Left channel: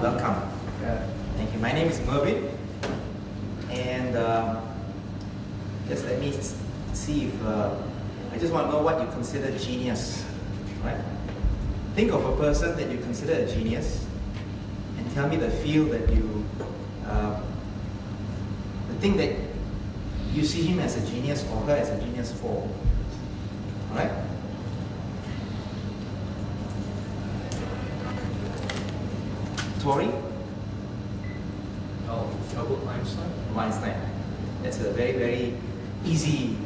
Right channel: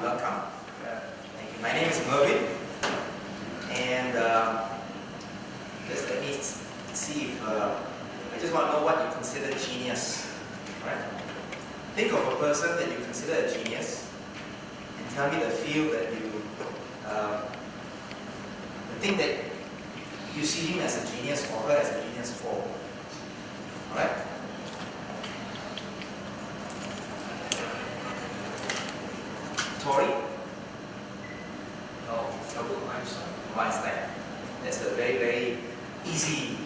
welcome. Thank you. My name is Mervin, and just let me see if I just want to know what you consider genius. Right? Think of a person that you consider a genius, and tell me the field that you, the thing that you see him as a genius or her as a genius for. All right? Tori? Oh, Albert Einstein? Einstein. That's a very, very easy,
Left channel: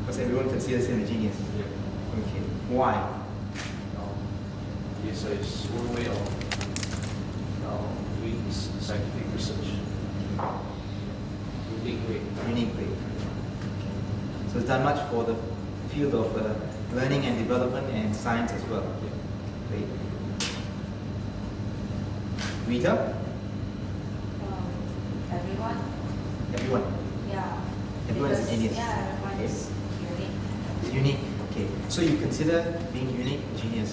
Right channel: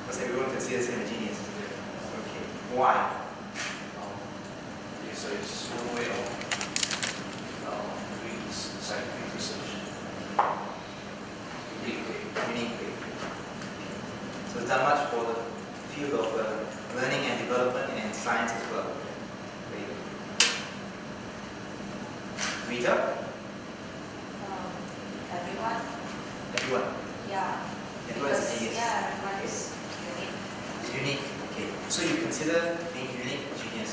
because everyone considers him a genius. Yeah. Okay. Why? Yes, it's one way of doing scientific research. Unique way. Unique way. So it's done much for the field of learning and development and science as well. Great. Rita? Everyone? Everyone? Yeah. Everyone is a genius. Yeah, everyone is unique. It's unique. Okay. So you consider being unique a genius?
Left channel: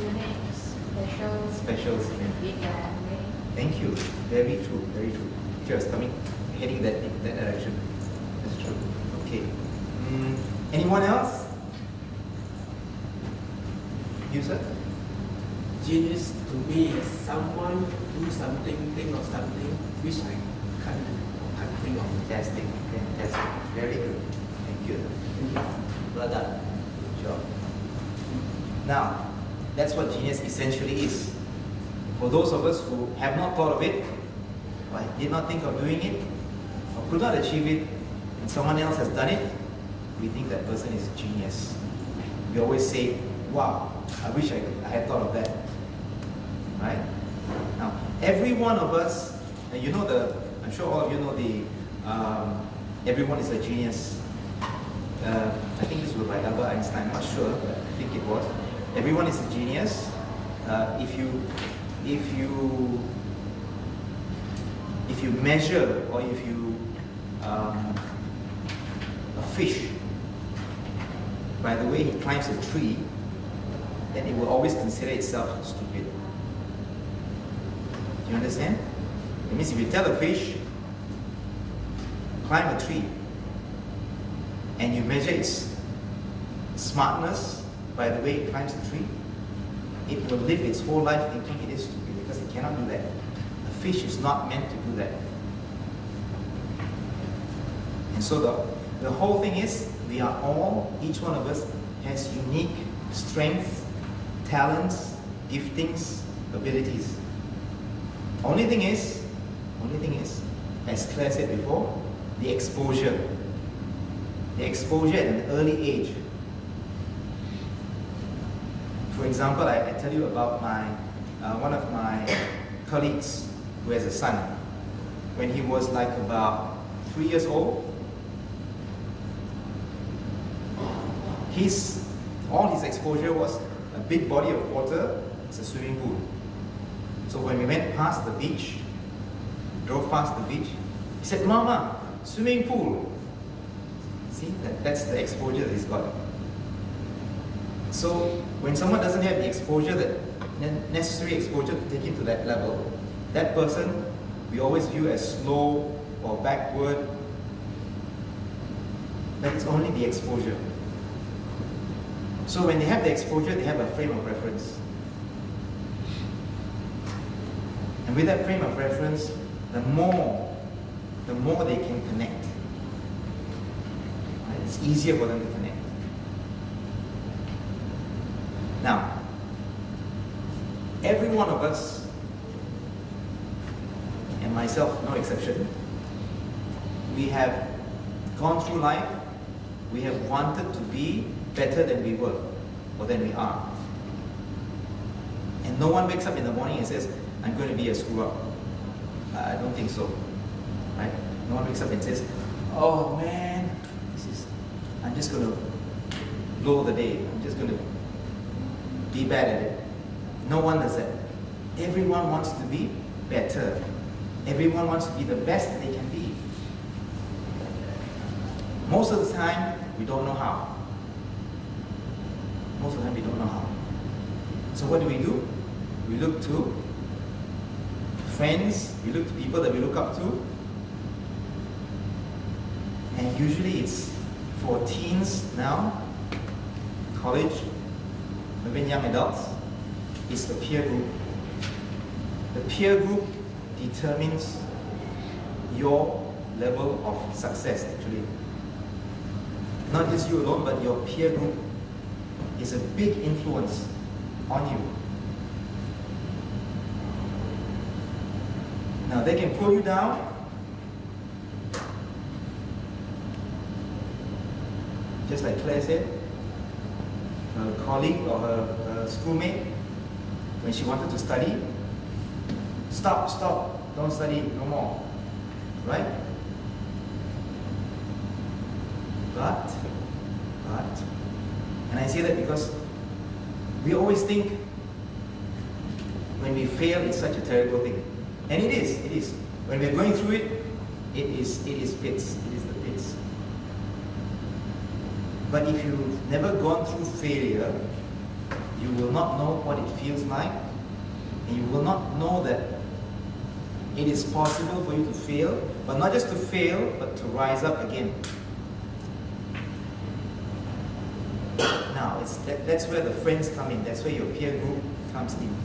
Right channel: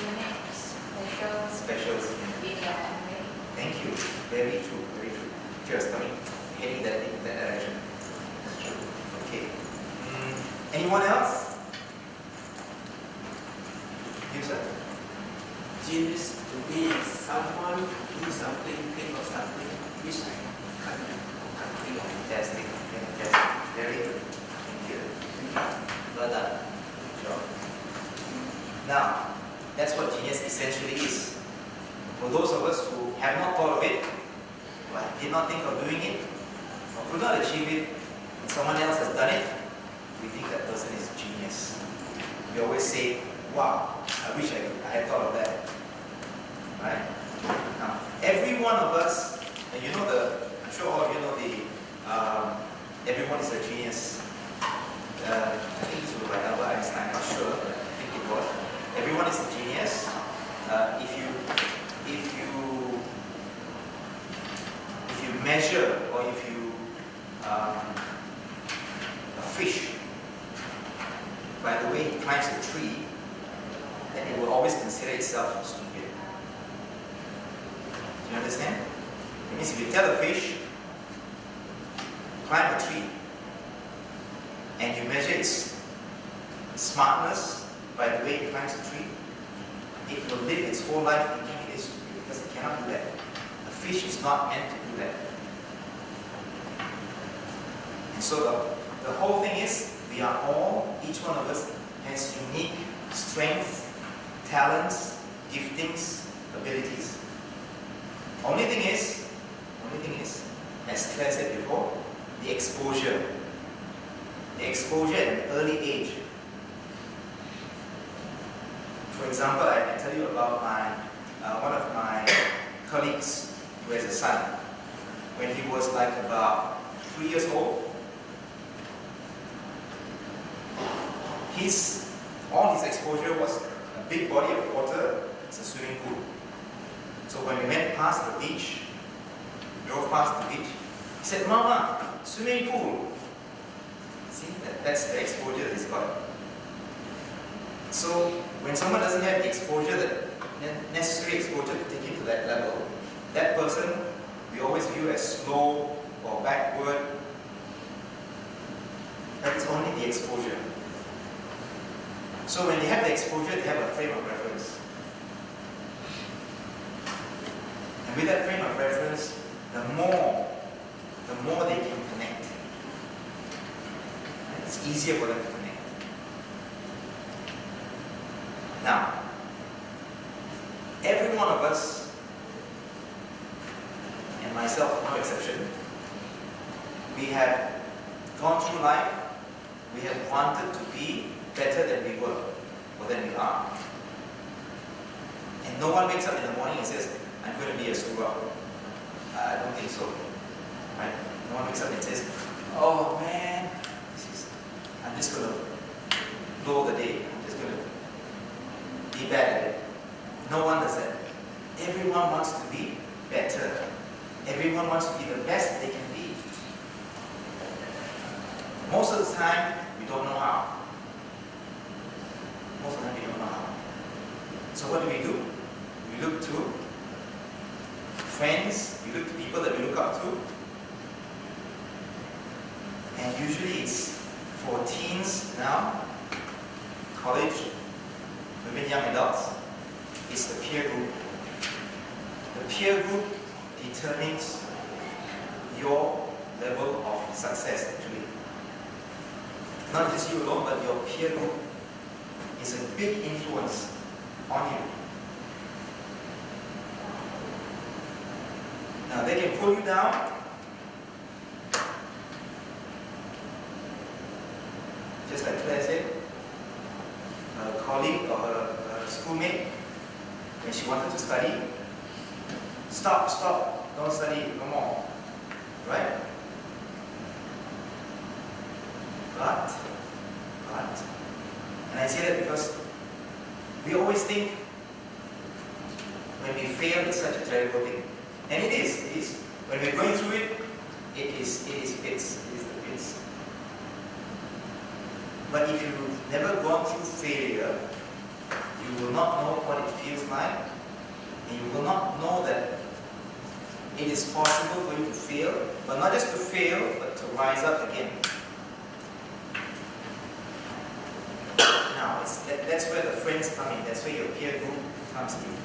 Unique, special, Special is yeah. in your own way. Thank you. Very true. Very true. Just heading that direction. That's true. Okay. Anyone else? You, sir? Genius to me is someone do something, think of something which I can't think of. Fantastic. Fantastic. Very good. Thank you. Well done. Good job. Now, that's what genius essentially is. For those of us who have not thought of it, or did not think of doing it, or could not achieve it, and someone else has done it, we think that person is genius. We always say, wow, I wish I had thought of that. Right? Now, every one of us, and you know I'm sure all of you know everyone is a genius. I think this was by Albert Einstein, I'm not sure, but I think it was. Everyone is a genius. If you measure, or if you a fish, by the way he climbs a tree, then it will always consider itself stupid. You understand? It means if you tell a fish, climb a tree, and you measure its smartness by the way it climbs a tree, it will live its whole life thinking it is stupid because it cannot do that. A fish is not meant to do that. And so the whole thing is, we are all, each one of us has unique strengths, talents, giftings, abilities. Only thing is, as Claire said before, the exposure. The exposure at an early age. For example, I tell you about one of my colleagues who has a son. When he was like about 3 years old, all his exposure was a big body of water. It's a swimming pool. So when we went past the beach, drove past the beach, he said, "Mama, swimming pool." See, that's the exposure that he's got. So when someone doesn't have the exposure, the necessary exposure to take him to that level, that person we always view as slow or backward. That is only the exposure. So when they have the exposure, they have a frame of reference. And with that frame of reference, the more they can connect. It's easier for them to connect. Now, every one of us, and myself no exception, we have gone through life, we have wanted to be better than we were, or than we are. And no one wakes up in the morning and says, "I'm going to be a screw-up." I don't think so. Right? No one wakes up and says, "Oh man, I'm just going to blow the day. I'm just going to be bad at it." No one does that. Everyone wants to be better. Everyone wants to be the best they can be. Most of the time, we don't know how. Most of the time, we don't know how. So what do? We look to friends, we look to people that we look up to. And usually it's for teens now, college, even young adults, it's the peer group. The peer group determines your level of success actually. Not just you alone, but your peer group is a big influence on you. Now they can pull you down. Just like Claire said, her colleague or her schoolmate, when she wanted to study, stop, don't study no more, right? But, and I say that because we always think when we fail, it's such a terrible thing. And it is. When we're going through it, it is pits, it is the pits. But if you've never gone through failure, you will not know what it feels like, and you will not know that it is possible for you to fail, but not just to fail, but to rise up again. Now, that's where the friends come in, that's where your peer group comes in.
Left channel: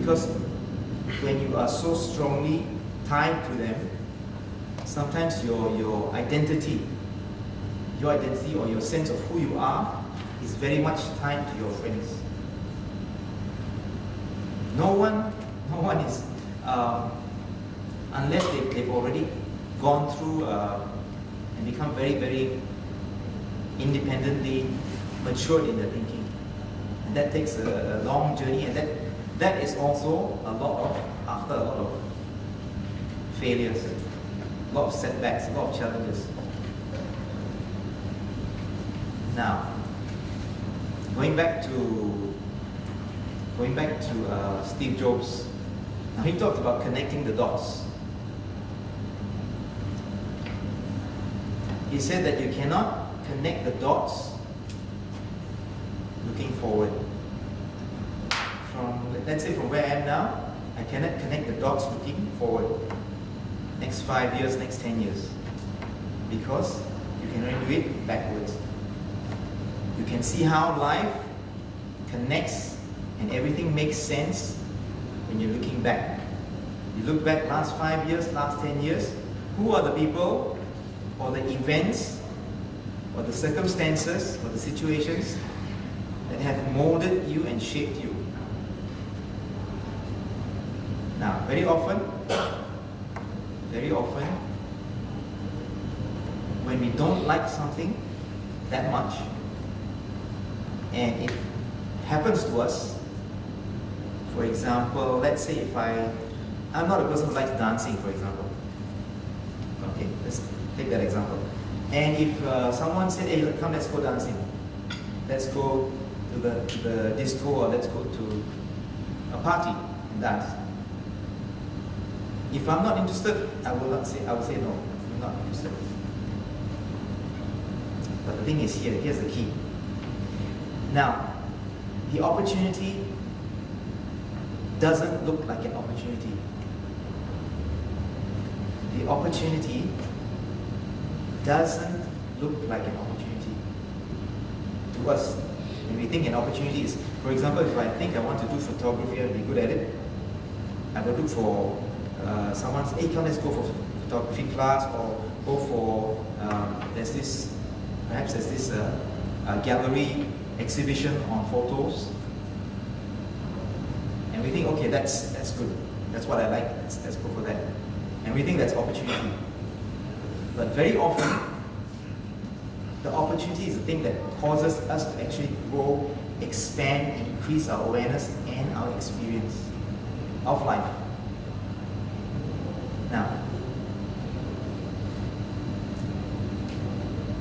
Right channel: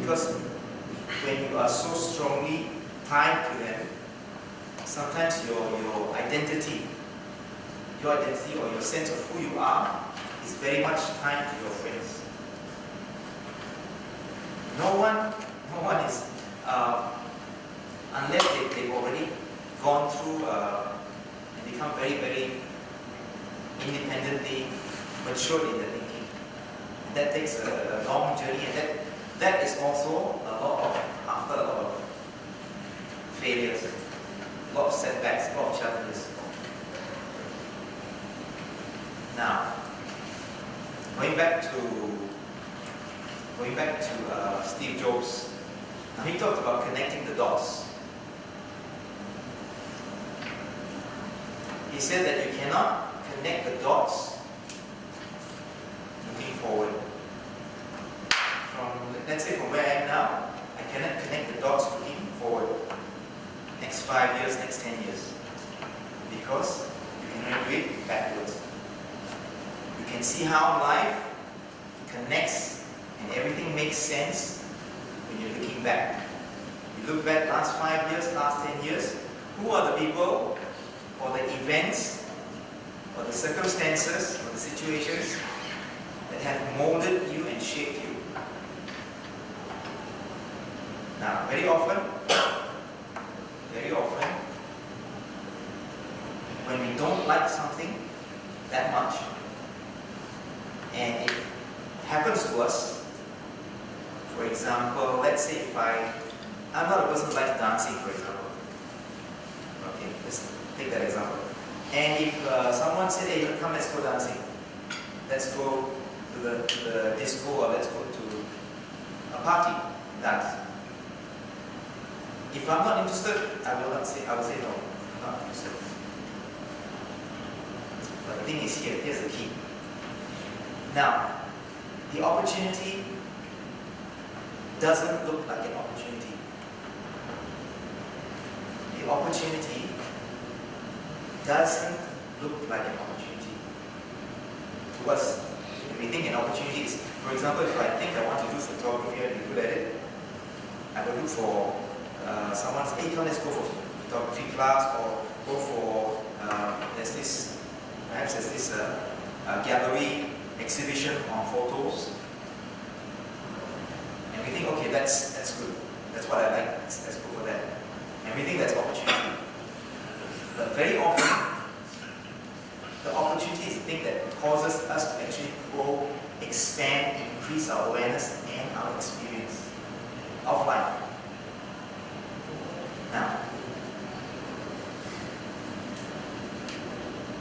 Because when you are so strongly tied to them, sometimes your identity or your sense of who you are is very much tied to your friends. No one is, unless they've already gone through and become very, very independently matured in their thinking. And that takes a long journey, and that is also after a lot of failures, a lot of setbacks, a lot of challenges. Now, going back to Steve Jobs. Now he talked about connecting the dots. He said that you cannot connect the dots looking forward. Let's say from where I am now, I cannot connect the dots looking forward. Next 5 years, next 10 years. Because you can only do it backwards. You can see how life connects and everything makes sense when you're looking back. You look back last 5 years, last 10 years, who are the people or the events or the circumstances or the situations that have molded you and shaped you. Now, very often, when we don't like something that much, and it happens to us, for example, let's say if I'm not a person who likes dancing, for example. Okay, let's take that example. And if someone said, hey, come, let's go dancing. Let's go to the disco, or let's go to a party and dance. If I'm not interested, I will say no, I'm not interested. But the thing is here's the key. Now, the opportunity doesn't look like an opportunity. The opportunity doesn't look like an opportunity. To us, when we think an opportunity is, for example, if I think I want to do photography and be good at it, I will look for someone says, hey, come, let's go for photography class, or go for, perhaps there's this gallery exhibition on photos. And we think, okay, that's good. That's what I like, let's go for that. And we think that's opportunity. But very often, the opportunity is the thing that causes us to actually grow, expand, increase our awareness and our experience of life. Now,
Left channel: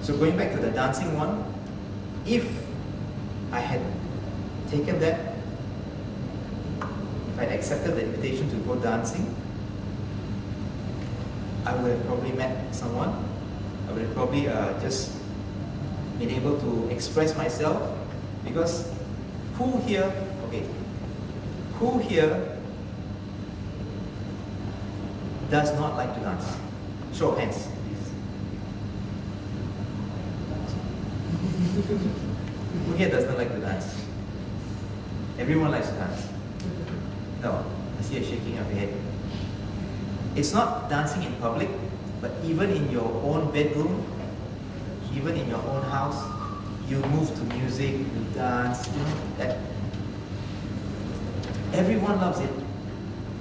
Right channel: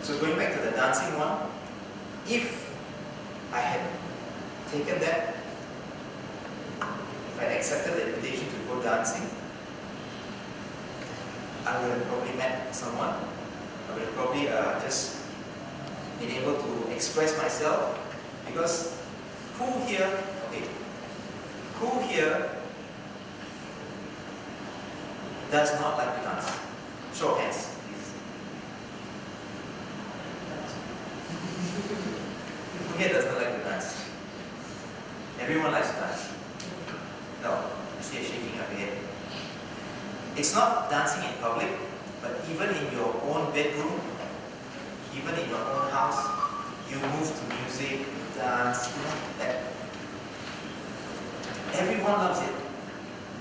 so going back to the dancing one, if I had taken that, if I had accepted the invitation to go dancing, I would have probably met someone. I would have probably just been able to express myself, because who here, okay, Who here does not like to dance? Show of hands, please. Who here does not like to dance? Everyone likes to dance. No, I see a shaking of your head. It's not dancing in public, but even in your own bedroom, even in your own house, you move to music, you dance, you know, that. Everyone loves it.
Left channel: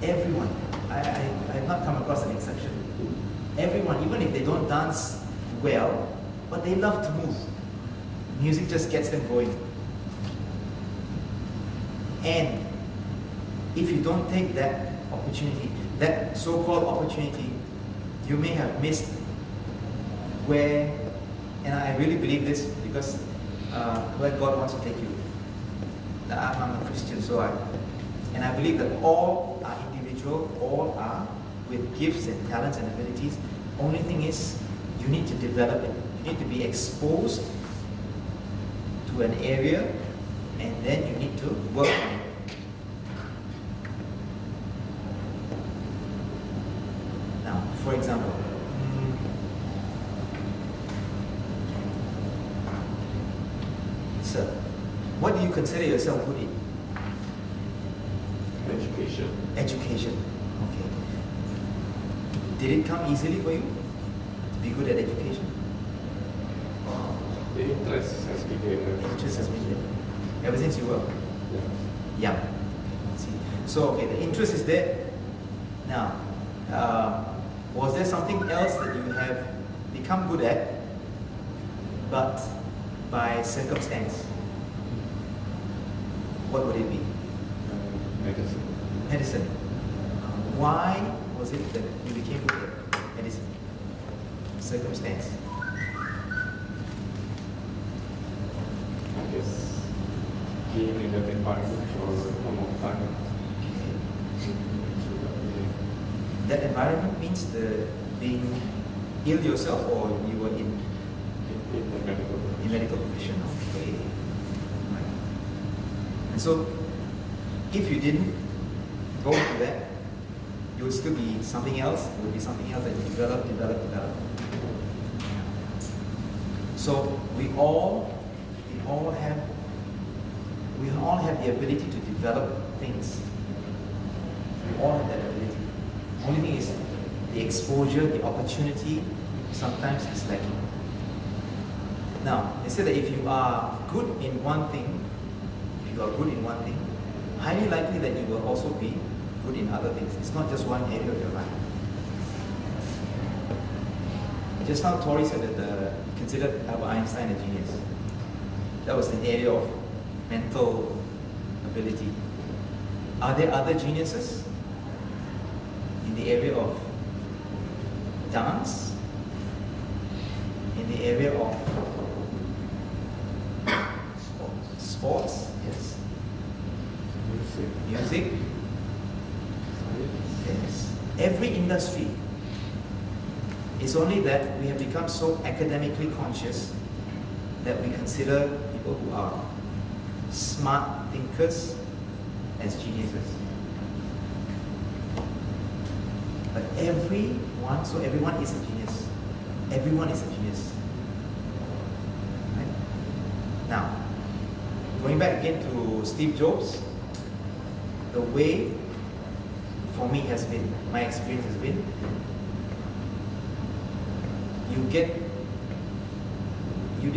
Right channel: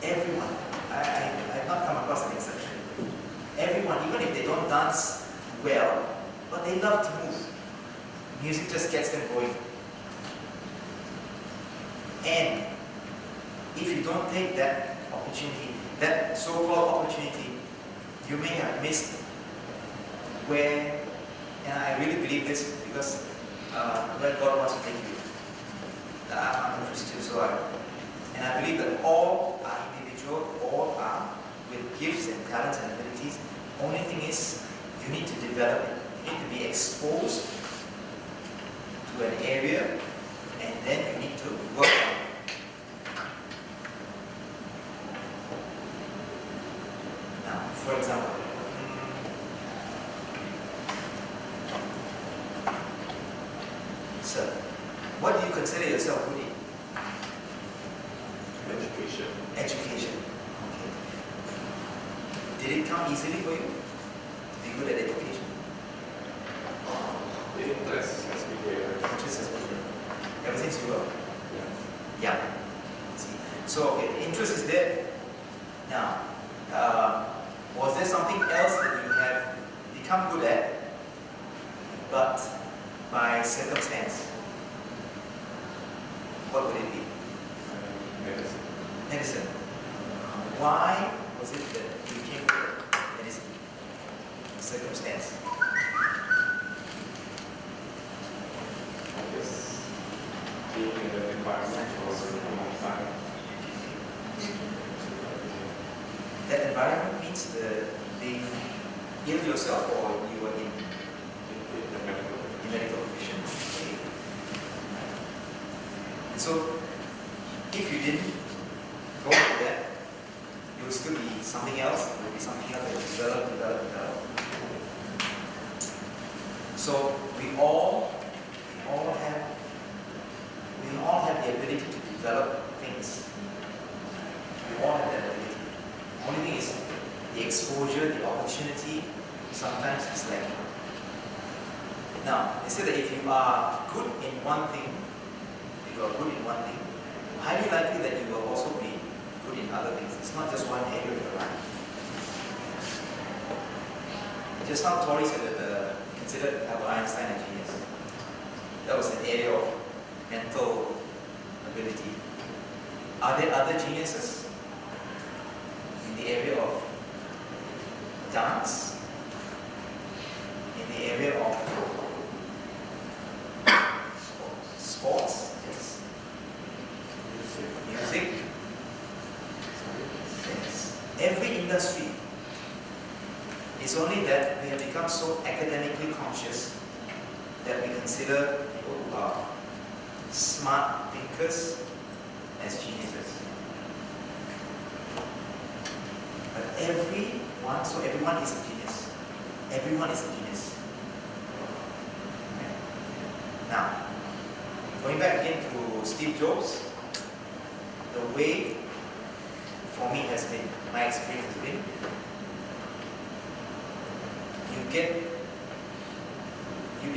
Everyone. I've not come across an exception. Everyone, even if they don't dance well, but they love to move. Music just gets them going. And if you don't take that opportunity, that so-called opportunity, you may have missed where, and I really believe this because where God wants to take you. I'm a Christian, and I believe that all are individual, all are with gifts and talents and abilities. Only thing is, you need to develop it. You need to be exposed to an area, and then you need to work on it. Now, for example, sir, what do you consider yourself good in? Education. Education. Okay. Did it come easily for you to be good at education? The interest has been there. Interest has been there ever since you were Yeah. young. See, so okay, the interest is there. Now, was there something else that you have become good at, but by circumstance? What would it be? Medicine. Medicine. Why was it that you became good at medicine? Circumstance. Yes. Being in that environment for a long time. That environment means the being ill yourself, or you were in In the medical. medical profession. Okay. And so, if you didn't go into that, you would still be something else. It would be something else that you develop. So we all have the ability to develop things. We all have that ability. Only thing is the exposure, the opportunity sometimes is lacking. Now, instead of if you are good in one thing, highly likely that you will also be good in other things. It's not just one area of your life. Just now Tori said that considered Albert Einstein a genius. That was an area of mental ability. Are there other geniuses in the area of dance? In the area of sports? Yes. Music? Yes. Every industry. It's only that we have become so academically conscious that we consider people who are smart thinkers as geniuses. But everyone is a genius. Everyone is a genius. Right? Now, going back again to Steve Jobs, the way for me has been, my experience has been, you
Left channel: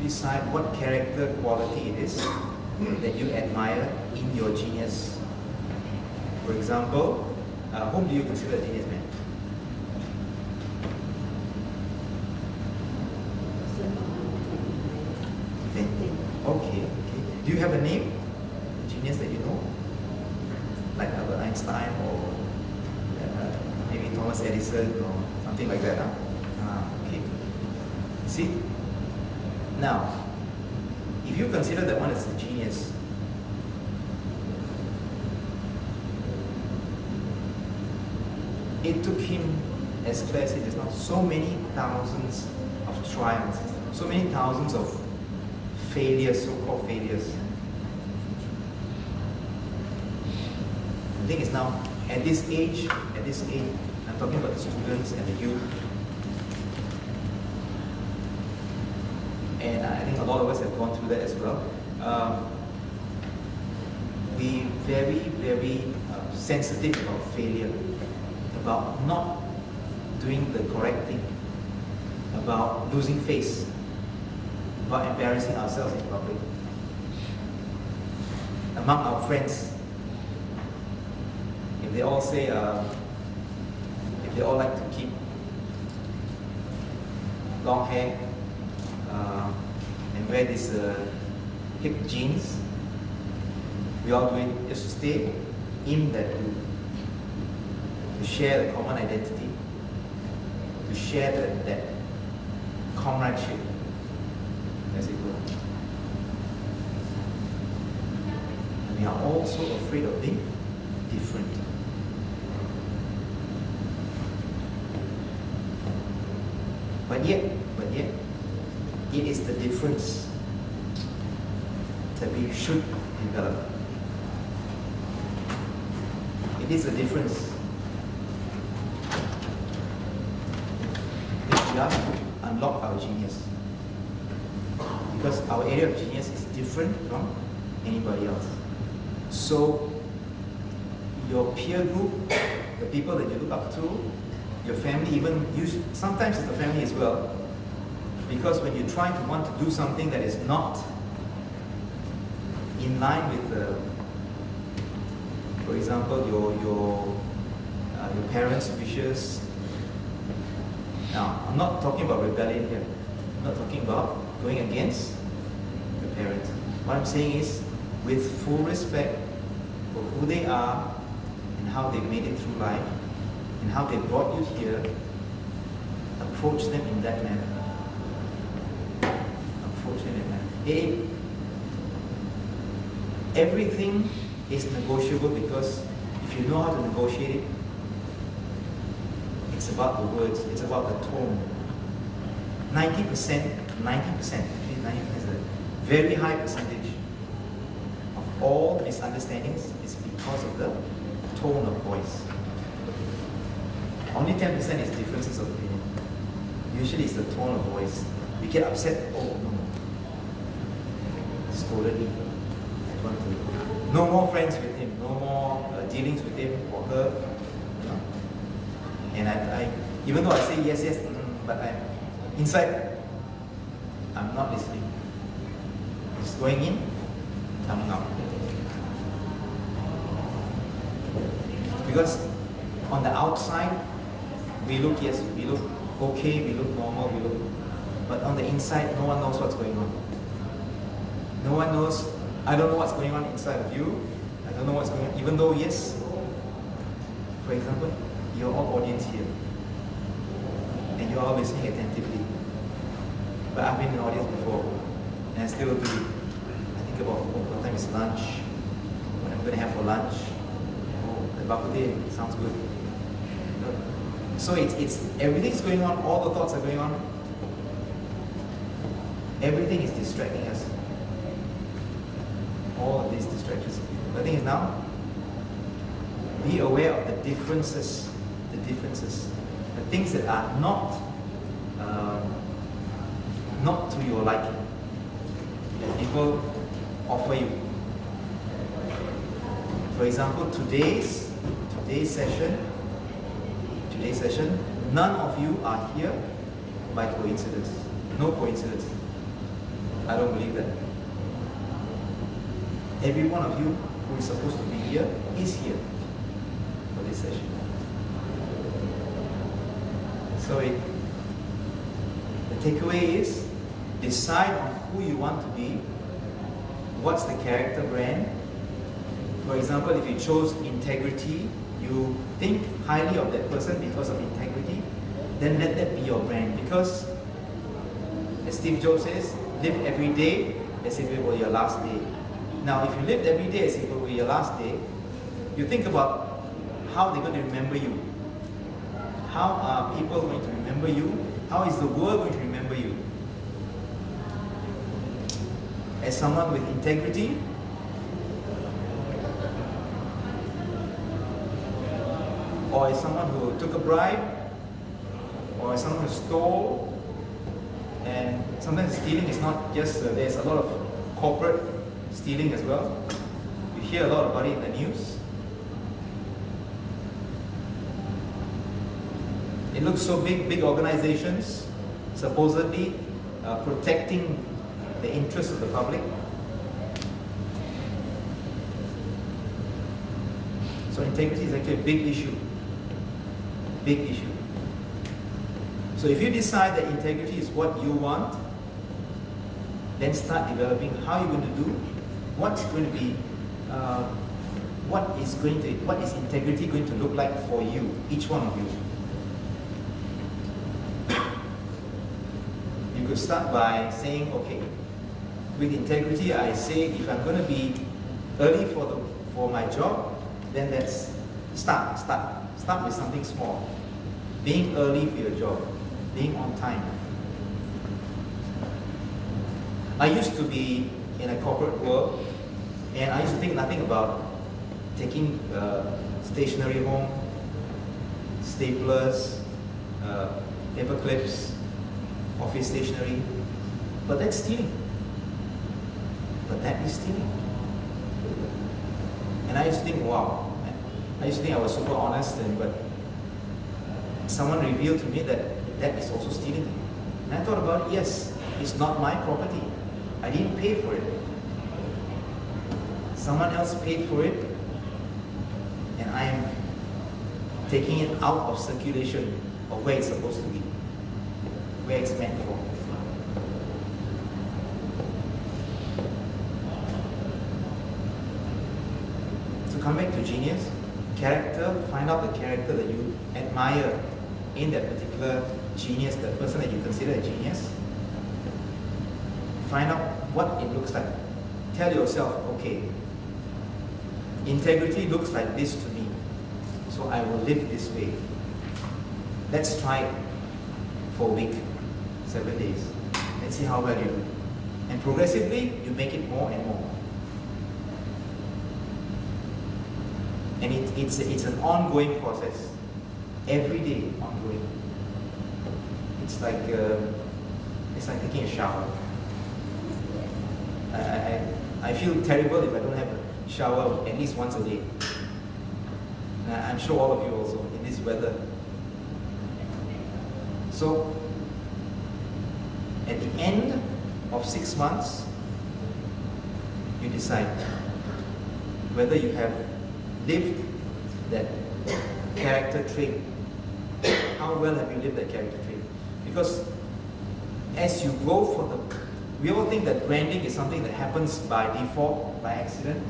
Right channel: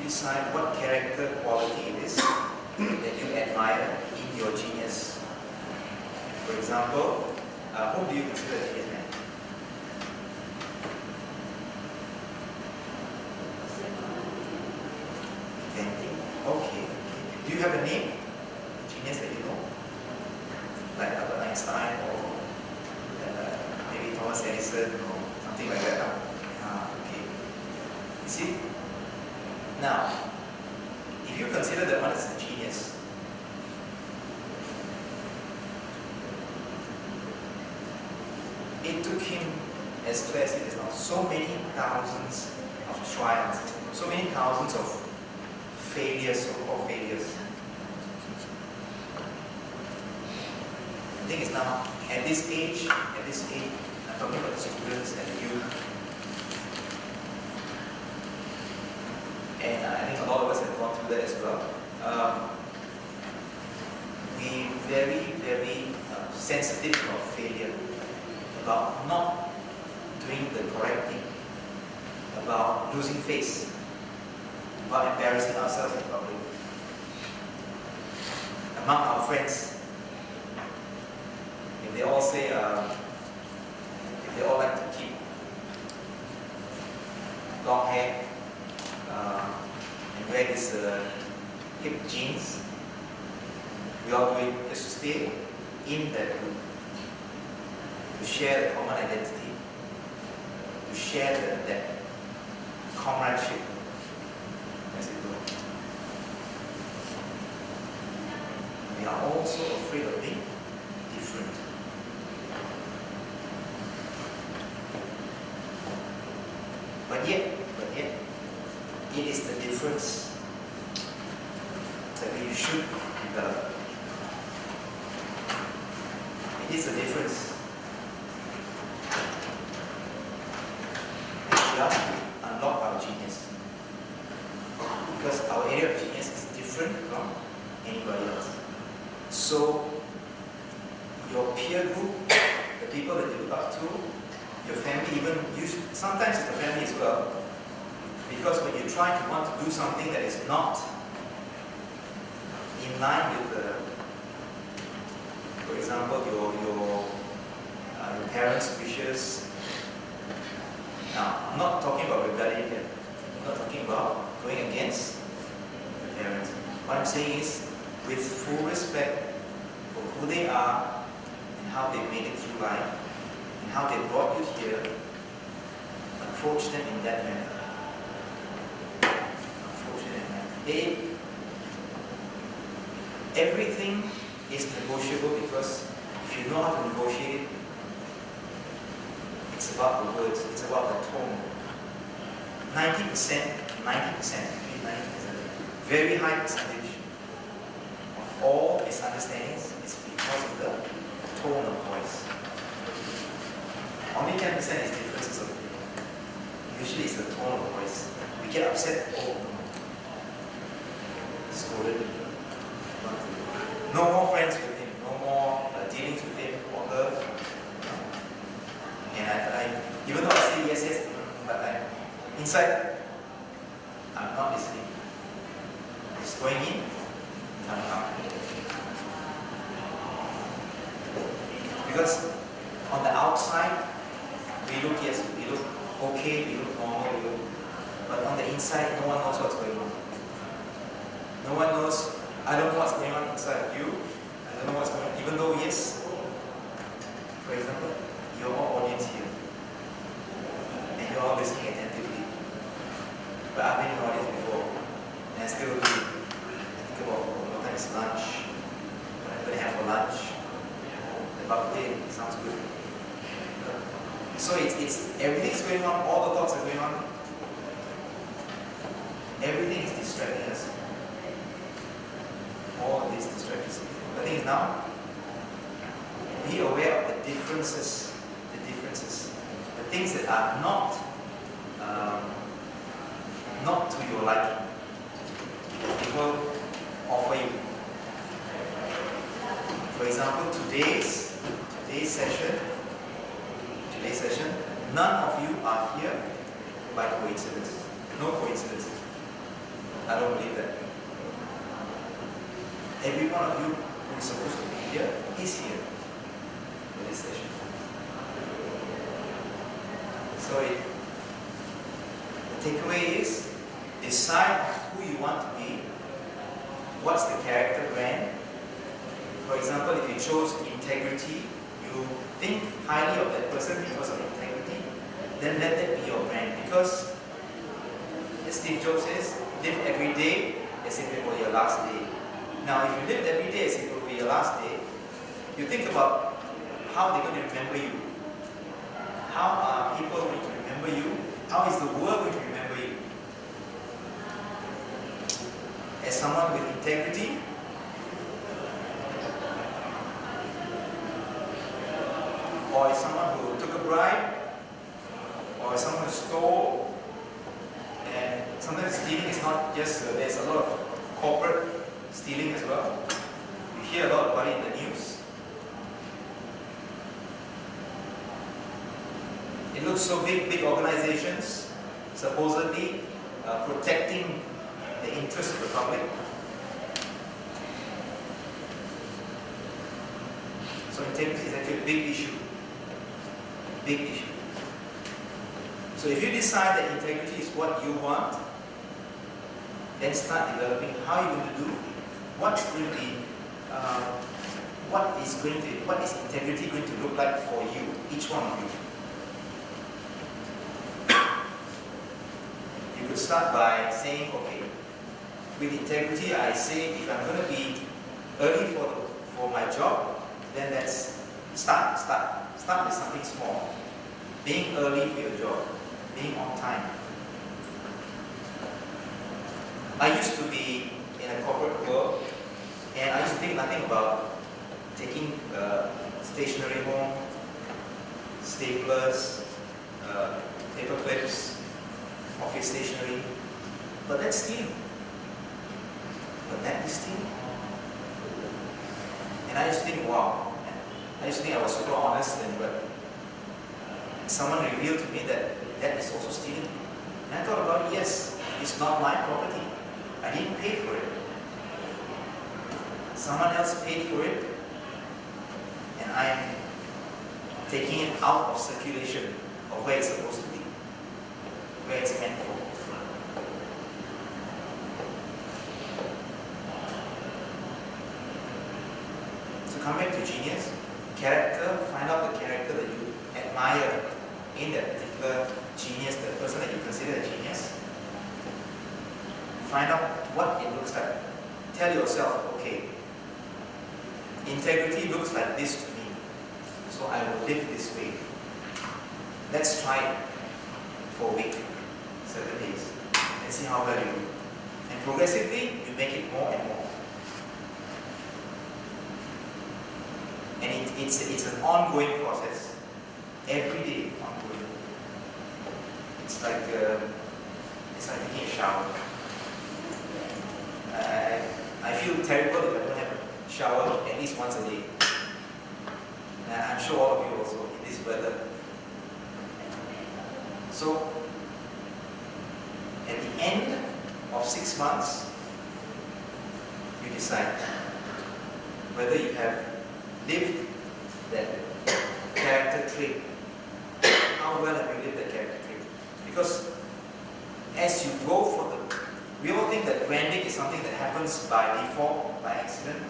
decide what character quality it is that you admire in your genius. For example, whom do you consider a genius man? Okay. Do you have a name? A genius that you know? Like Albert Einstein or maybe Thomas Edison or something like that? Okay. See? Now, if you consider that one as a genius, it took him, as Claire said just now, so many thousands of trials, so many thousands of failures, so-called failures. The thing is now, at this age, I'm talking about the students and the youth. And I think a lot of us have gone through that as well. We very sensitive about failure, about not doing the correct thing, about losing face, about embarrassing ourselves in public. Among our friends, if they all say, if they all like to keep long hair and wear this hip jeans, we all do it just to stay in that group, to share the common identity, to share that comradeship, as it were. And we are also afraid of being different. But yet, it is the difference that we should develop. It is a difference which we have to unlock our genius. Because our area of genius is different from anybody else. So, your peer group, the people that you look up to, your family, even sometimes it's the family as well. Because when you try to want to do something that is not in line with the, for example, your parents' wishes. Now, I'm not talking about rebellion here. I'm not talking about going against the parents. What I'm saying is, with full respect for who they are and how they made it through life and how they brought you here, approach them in that manner. Approach them in that manner. Everything is negotiable because if you know how to negotiate it, it's about the words, it's about the tone. 90%, very high percentage of all misunderstandings is because of the tone of voice. Only 10% is differences of opinion. Usually it's the tone of voice. We get upset, oh no, scolded him. No more friends with him, no more dealings with him or her. You know? And I, even though I say yes, but inside, I'm not listening. It's going in, coming out. Because on the outside, we look okay, we look normal, but on the inside, no one knows what's going on. No one knows. I don't know what's going on inside of you. I don't know what's going on. Even though, yes, for example, you're all audience here. And you're all listening attentively. But I've been in audience before. And I still do. I think about, what time is lunch? What I'm going to have for lunch? Oh, the bak-kut-teh sounds good. So it's everything's going on, all the thoughts are going on. Everything is distracting us. All of these distractions. The thing is now, be aware of the differences, the things that are not to your liking, that people offer you. For example, today's session, none of you are here by coincidence. No coincidence. I don't believe that. Every one of you who is supposed to be here is here for this session. So the takeaway is, decide who you want to be, what's the character brand. For example, if you chose integrity, you think highly of that person because of integrity, then let that be your brand. Because, as Steve Jobs says, live every day as if it were your last day. Now, if you lived every day as if it were your last day, you think about how they're going to remember you. How are people going to remember you? How is the world going to remember you? As someone with integrity, or is someone who took a bribe, or is someone who stole. And sometimes stealing is not just, there's a lot of corporate stealing as well. You hear a lot about it in the news. It looks so big, big organizations supposedly protecting the interests of the public. So integrity is actually a big issue. Big issue. So if you decide that integrity is what you want, then start developing how you're going to do, what's going to be, what is integrity going to look like for you, each one of you. You could start by saying, okay, with integrity, I say if I'm going to be early for my job, then let's start with something small. Being early for your job, being on time. I used to be in a corporate world, and I used to think nothing about taking stationery home, staplers, paper clips, office stationery. But that's stealing. But that is stealing. And I used to think, wow. I used to think I was super honest, but someone revealed to me that that is also stealing. And I thought about it, yes, it's not my property. I didn't pay for it. Someone else paid for it, and I am taking it out of circulation of where it's supposed to be, where it's meant for. So come back to genius. Character, find out the character that you admire in that particular genius, the person that you consider a genius. Find out what it looks like. Tell yourself, okay, integrity looks like this to me, so I will live this way. Let's try it for a week, 7 days, and see how well you do. And progressively, you make it more and more. And it's an ongoing process. Every day, ongoing. It's like taking a shower. I feel terrible if I don't have a shower at least once a day. I'm sure all of you also in this weather. So, at the end of 6 months, you decide whether you have lived that character trait. How well have you lived that character trait? Because as you go for we all think that branding is something that happens by default, by accident,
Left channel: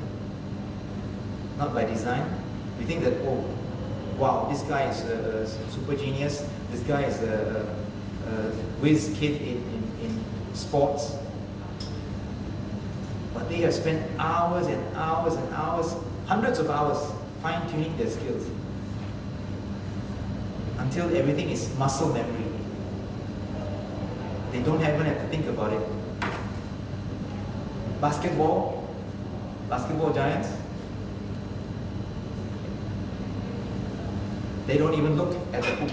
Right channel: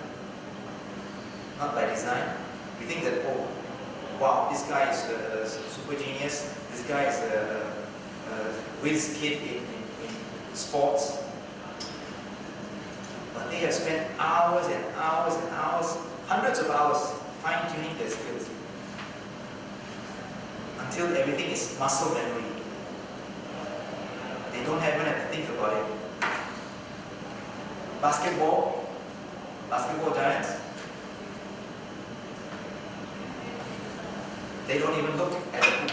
not by design. We think that, oh, wow, this guy is a super genius, this guy is a whiz kid in sports. But they have spent hours and hours and hours, hundreds of hours, fine-tuning their skills until everything is muscle memory. They don't even have to think about it. Basketball giants, they don't even look at the hoop.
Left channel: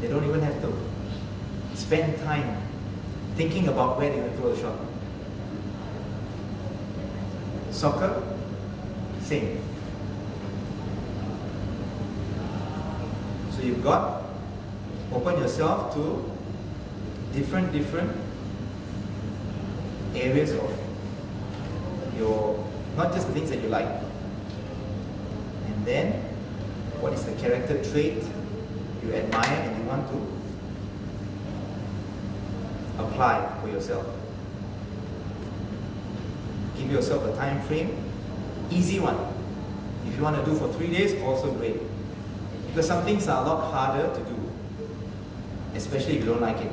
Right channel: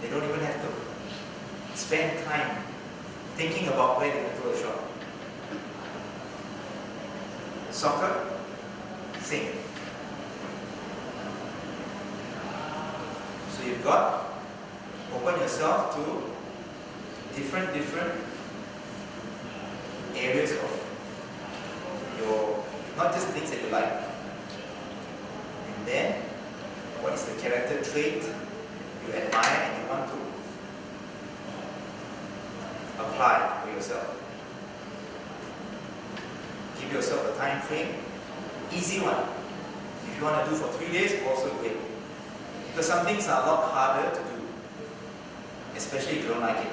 They don't even have to spend time thinking about where they're going to throw the shot. Soccer, same. So you've got, open yourself to different areas of your, not just things that you like. And then, what is the character trait you admire and you want to apply for yourself? Give yourself a time frame, easy one. If you want to do for 3 days, also great. Because some things are a lot harder to do, especially if you don't like it.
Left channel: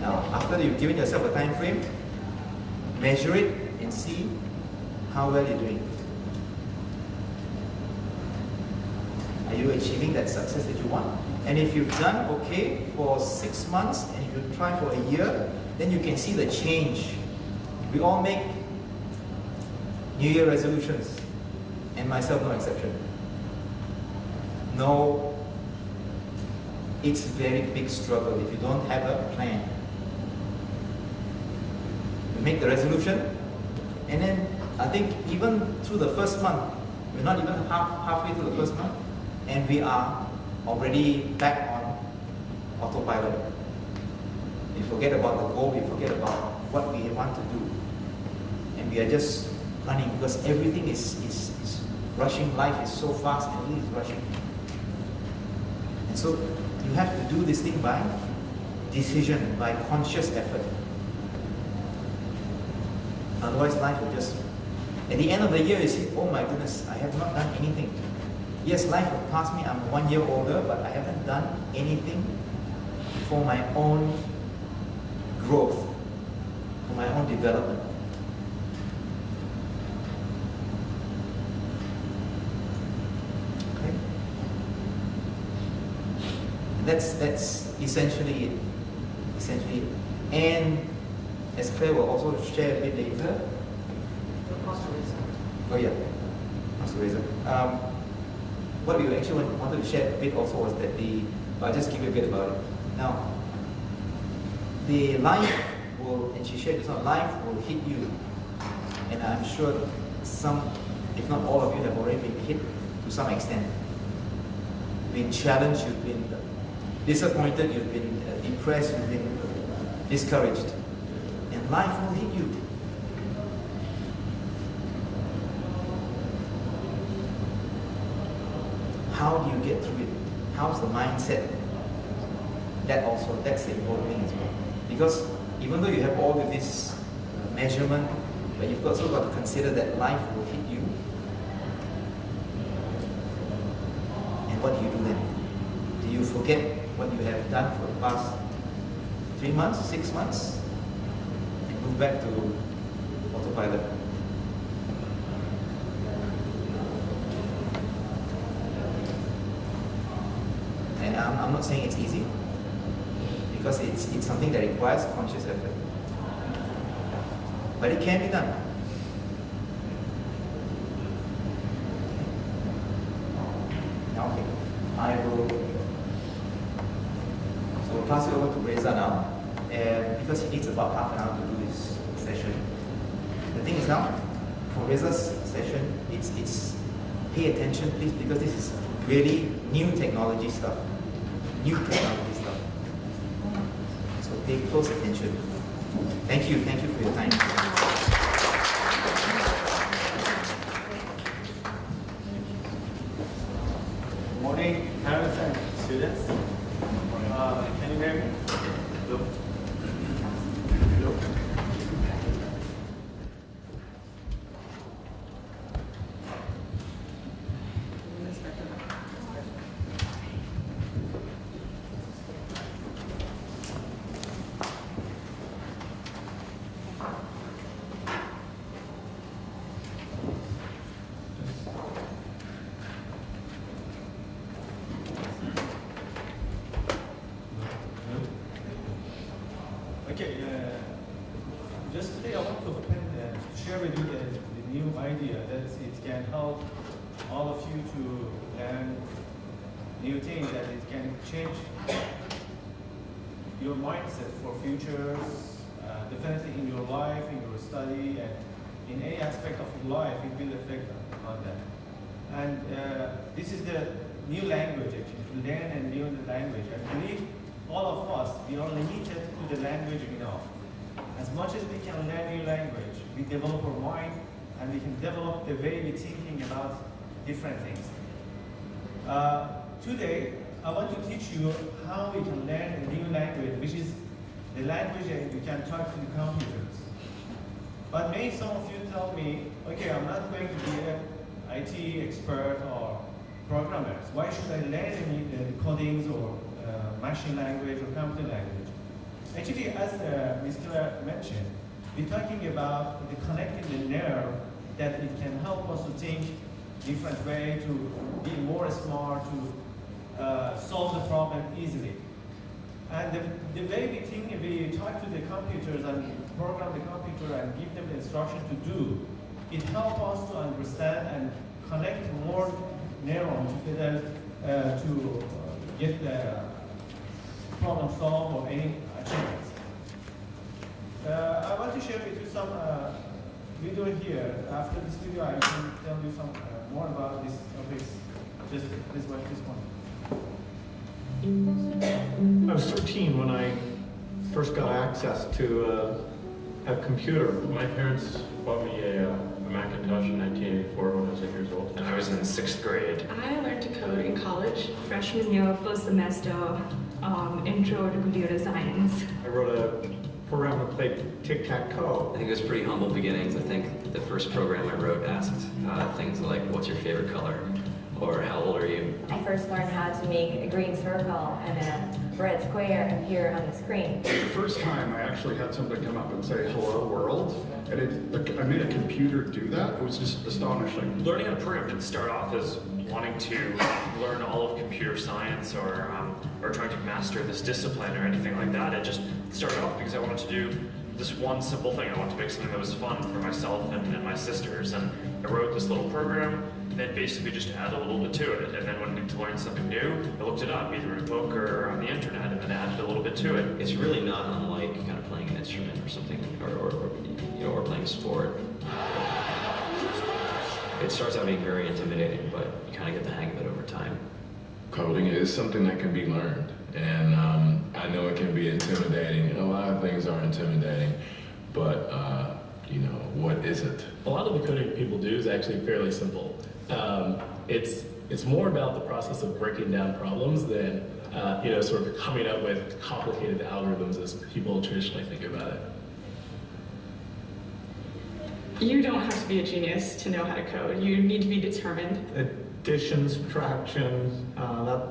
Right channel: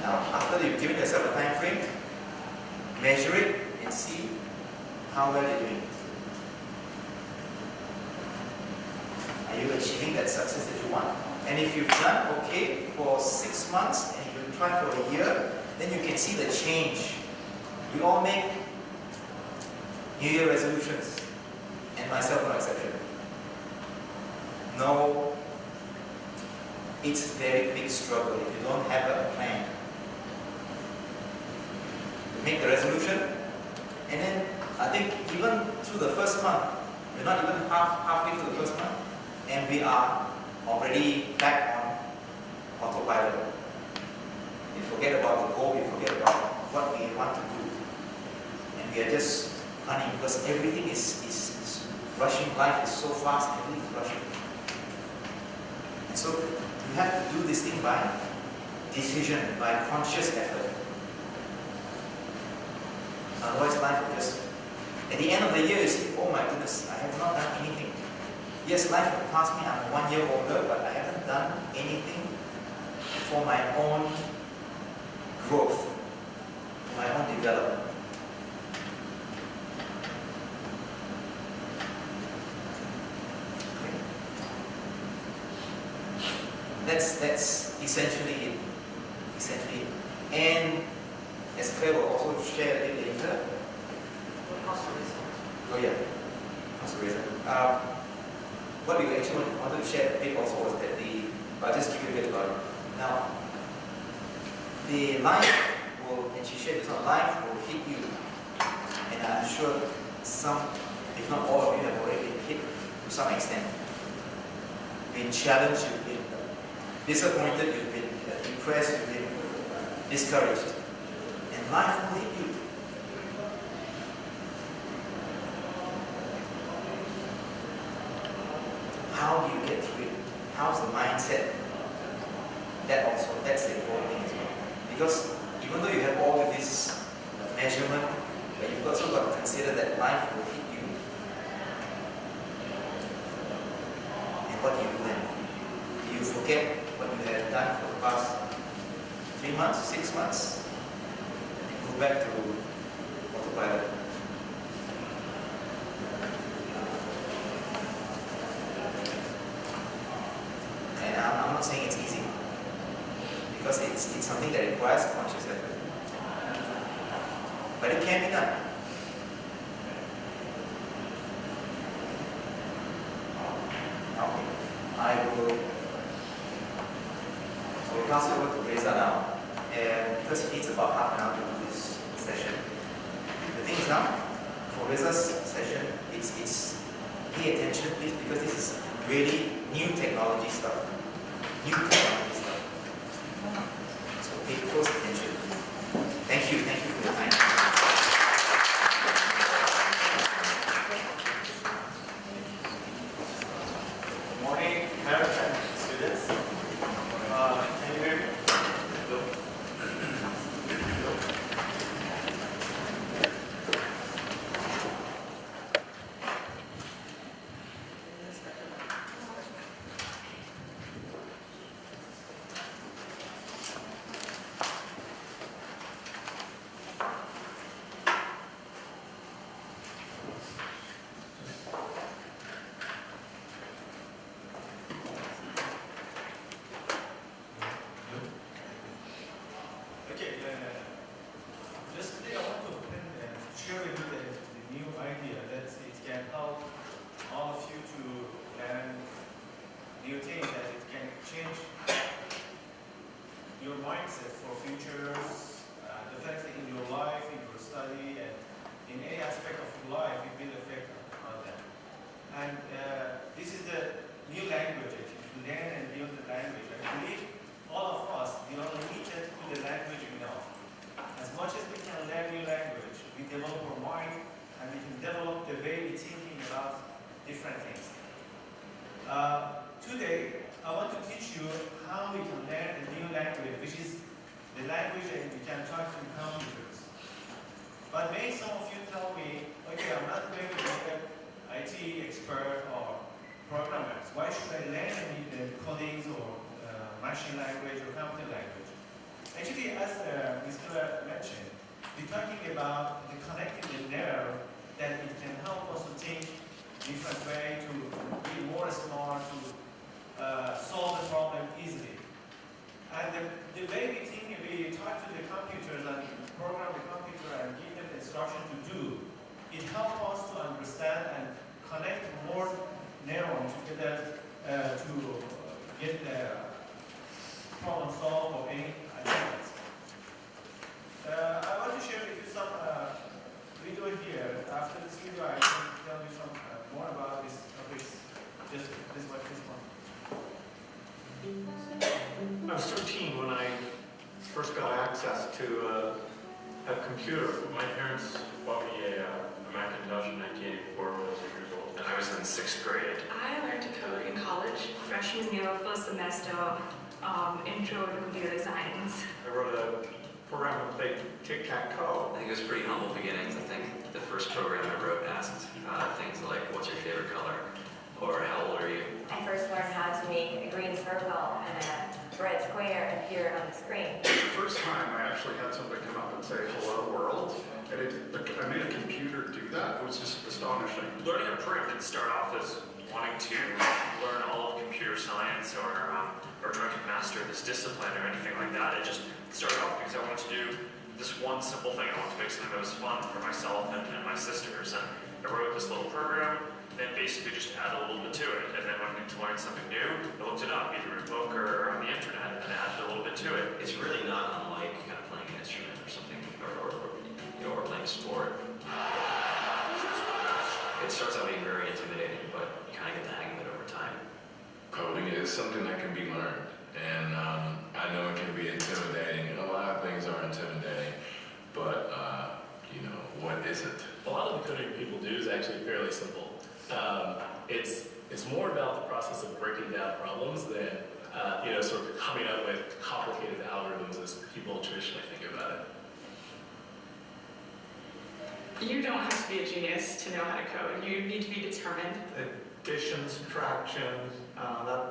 Now, after you've given yourself a time frame, measure it and see how well you're doing. Are you achieving that that success that you want. And if you've done okay for 6 months and you try for a year, then you can see the change. We all make New Year resolutions, and myself no exception. No, it's a very big struggle if you don't have a plan. You make the resolution, and then I think even through the first month, we're not even halfway through the first month, and we are already back on autopilot. We forget about the goal, we forget about what we want to do. And we are just running because everything is rushing. Life is so fast, everything is rushing. And so you have to do this thing by decision, by conscious effort. Otherwise life will just, at the end of the year you see, oh my goodness, I have not done anything. Yes, life will pass me, I'm 1 year older, but I haven't done anything for my own growth, for my own development. Okay? That's essentially it. And as Claire will also share a bit later. Oh yeah, cost reason. What we actually wanted to share a bit also was that I'll just give you a bit about it. Now, the life will, and she shared this on, life will hit you. And I'm sure some, if not all of you have already been hit to some extent. Been challenged, you've been disappointed, you've been depressed, you've been discouraged. And life will hit you. How do you get through it? How's the mindset? That's the important thing as well. Because even though you have all of this measurement, but you've also got to consider that life will hit you. And what do you do then? Do you forget what you have done for the past 3 months, 6 months? And move back to autopilot? And I'm not saying it's easy, because it's something that requires conscious effort. But it can be done. Now, I will pass it over to Reza now, because it needs about half an hour to do this session. The thing is now, for Reza's session, it's pay attention, please, because this is really new technology stuff. New technology stuff. So pay close attention. Thank you for your time. Good morning, parents and students. Can you hear me? Hello? Hello? Okay, just today I want to share with you the new idea that it can help all of you to learn new things, and it can change your mindset for futures, definitely in your life, in your study, and in any aspect of your life, it will affect on that. And this is the new language, actually, to learn and learn the language. I believe all of us, we are limited to the language enough. As much as we can learn new language, we develop our mind, and we can develop the way we're thinking about different things. Today, I want to teach you how we can learn a new language, which is the language that we can talk to computers. But maybe some of you tell me, okay, I'm not going to be an IT expert or programmer. Why should I learn any codings or machine language or computer language? Actually, as Mr. mentioned, we're talking about the connecting the nerve that it can help us to think different way, to be more smart, to solve the problem easily. And the way we talk to the computers and program the computer and give them the instruction to do, it helps us to understand and connect more neurons to get the problem solved or any achievements. I want to share with you some video here. After this video, I can tell you some more about this topics. Just this one. I was 13 when I first got access to a computer. My parents bought me a Macintosh in 1984 when I was 8 years old, and I was in 6th grade. I learned to code in college, freshman year, first semester, intro to computer science. I wrote a program to play tic-tac-toe. I think it was pretty humble beginnings. I think the first program I wrote asked things like, what's your favorite color? Or how old are you? I first learned how to make a green circle and a red square appear on the screen. The first time I actually had somebody come up and say, hello world, and I made a computer do that. It was just astonishing. Learning how to program didn't start off as wanting to learn all of computer science or trying to master this discipline or anything like that. It just started off because I wanted to do this one simple thing. I wanted to make something that was fun for myself and my sisters. And I wrote this little program, then basically just added a little bit to it. And then when I needed to learn something new, I looked it up, either in a book or on the internet, and then added a little bit to it. It's really not unlike kind of playing an instrument or something, or playing a sport. It starts out being very intimidating, but you kind of get the hang of it over time. Coding is something that can be learned, and I know it can be intimidating, and a lot of things are intimidating, but you know, what isn't? A lot of the coding that people do is actually fairly simple. It's more about the process of breaking down problems than sort of coming up with complicated algorithms as people traditionally think about it. You don't have to be a genius to know how to code. You need to be determined. Addition, subtraction,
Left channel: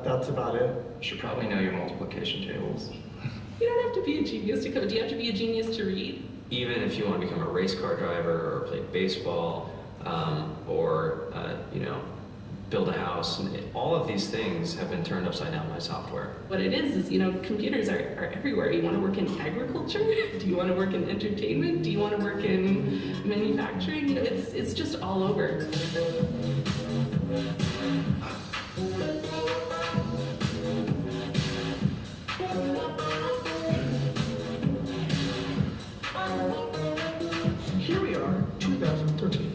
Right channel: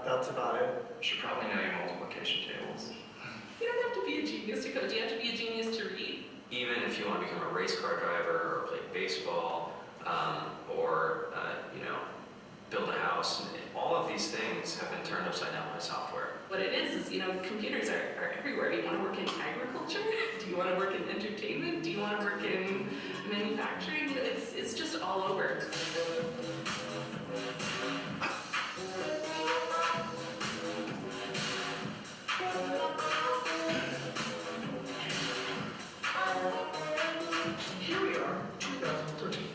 that's about it. You should probably know your multiplication tables. You don't have to be a genius to code. Do you have to be a genius to read? Even if you want to become a race car driver or play baseball or build a house, and all of these things have been turned upside down by software. What it is, computers are everywhere. Do you want to work in agriculture? Do you want to work in entertainment? Do you want to work in manufacturing? It's just all over. Here we are, 2013.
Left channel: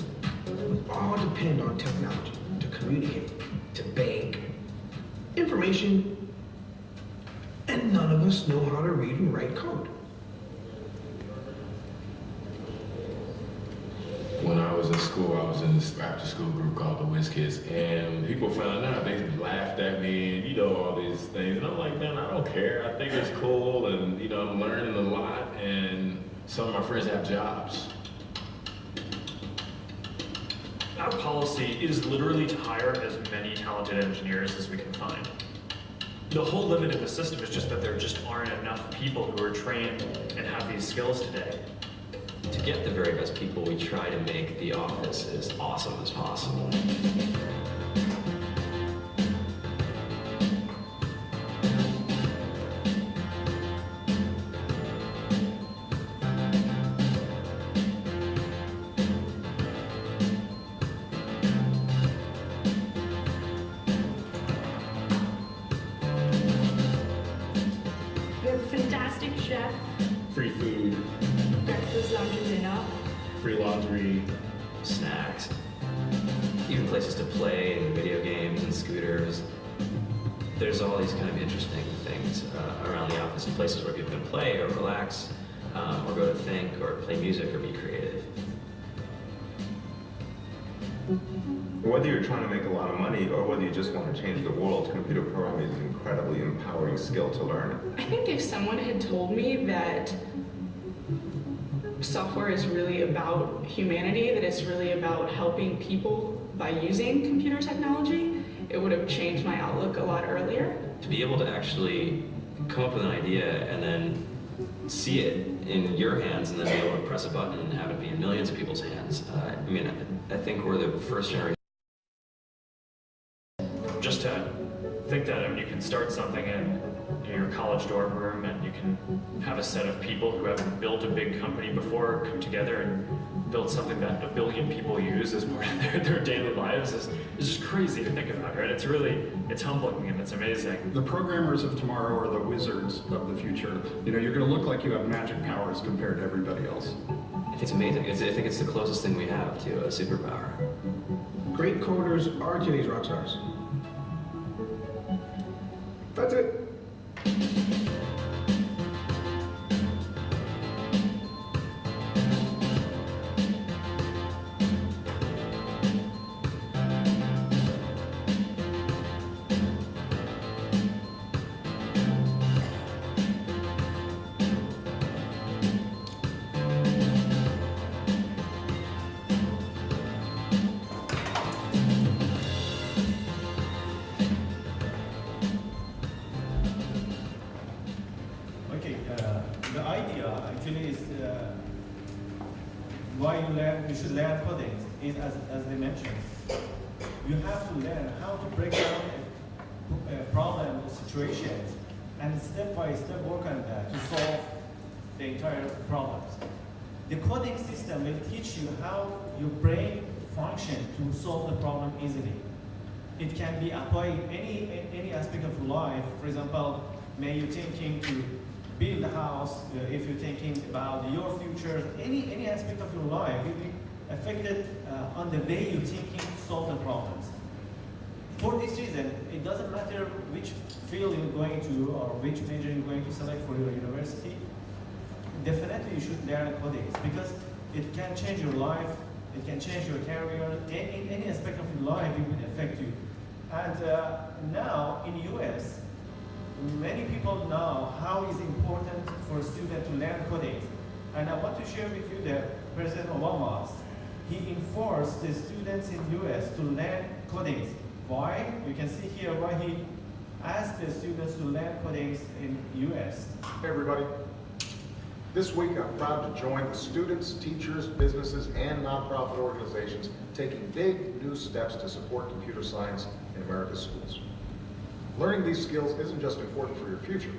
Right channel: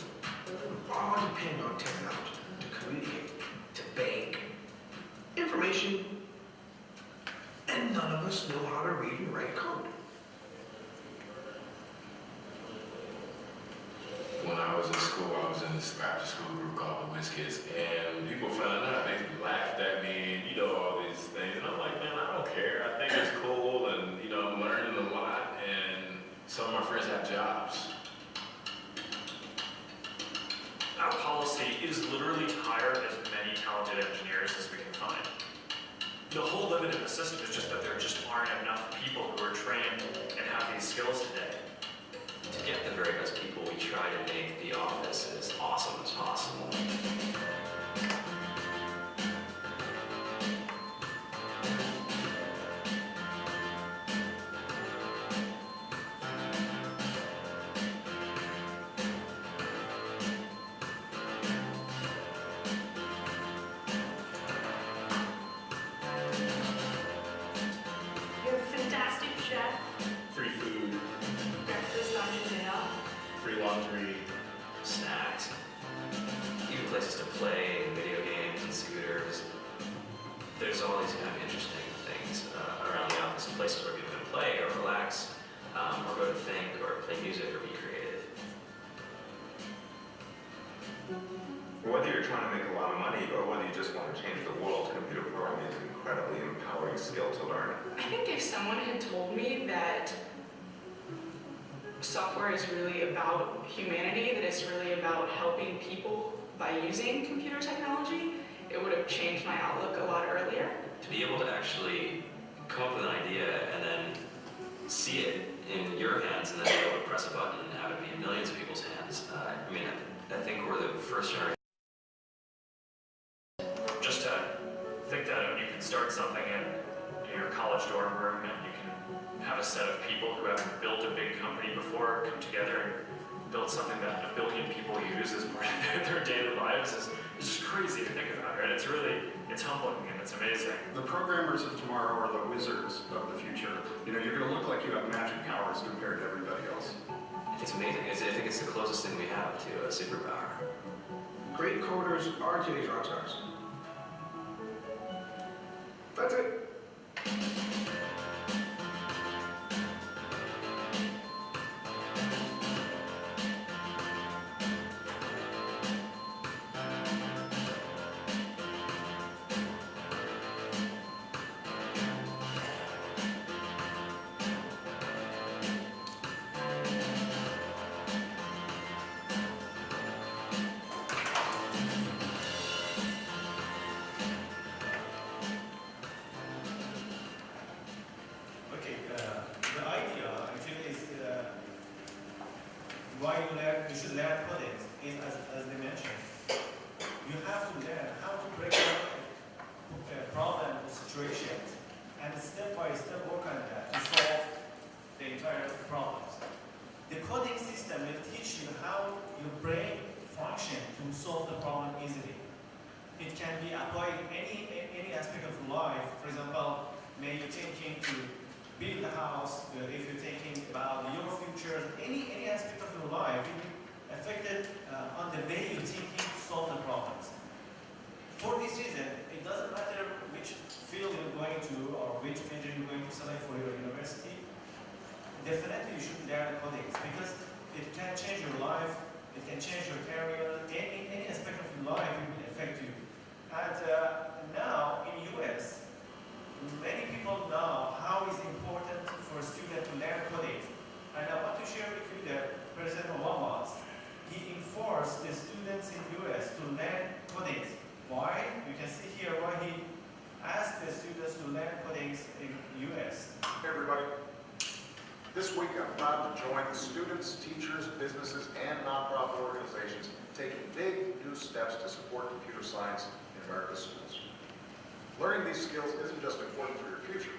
We all depend on technology to communicate, to beg, information, and none of us know how to read and write code. When I was in school, I was in this after-school group called the Whiz Kids, and people found out, they laughed at me, and all these things, and I'm like, man, I don't care. I think it's cool, and I'm learning a lot, and some of my friends have jobs. Our policy is literally to hire as many talented engineers as we can find. The whole limit in the system is just that there just aren't enough people who are trained and have these skills today. To get the very best people, we try to make the office as awesome as possible. We have a fantastic chef, Free food, breakfast, lunch, and dinner. free laundry. Snacks, even places to play, and video games and scooters. There's all these kind of interesting things around the office, places where people can play or relax, or go to think, or play music, or be creative. Whether you're trying to make a lot of money or whether you just want to change the world, computer programming is an incredibly empowering skill to learn. I think if someone had told me that software is really about humanity, that it's really about helping people by using computer technology, it would have changed my outlook a lot earlier. To be able to actually come up with an idea and then see it in your hands and then be able to press a button and have it be in millions of people's hands. I think we're the first generation. Just to think that you can start something in your college dorm room, and you can have a set of people who haven't built a big company before come together and build something that 1 billion people use as part of their daily lives is just crazy to think about, right? It's humbling and it's amazing. The programmers of tomorrow are the wizards of the future. You know, you're going to look like you have magic powers compared to everybody else. It's amazing. I think it's the closest thing we have to a superpower. Great coders are today's rock stars. That's it. Okay, the idea actually is why you should learn coding is as they mentioned. You have to learn how to break down problem situations and step by step work on that to solve the entire problems. The coding system will teach you how your brain functions to solve the problem easily. It can be applied in any aspect of life. For example, may you thinking to build a house, if you're thinking about your future, any aspect of your life will be affected on the way you're thinking to solve the problems. For this reason, it doesn't matter which field you're going to or which major you're going to select for your university, definitely you should learn coding because it can change your life, it can change your career, any aspect of your life it will affect you. And now in US, many people know how it's important for a student to learn coding. And I want to share with you that President Obama, he enforced the students in US to learn coding. Why? You can see here why he asked the students to learn coding in US. Hey everybody. This week I'm proud to join the students, teachers, businesses, and nonprofit organizations taking big new steps to support computer science in America's schools. Learning these skills isn't just important for your future,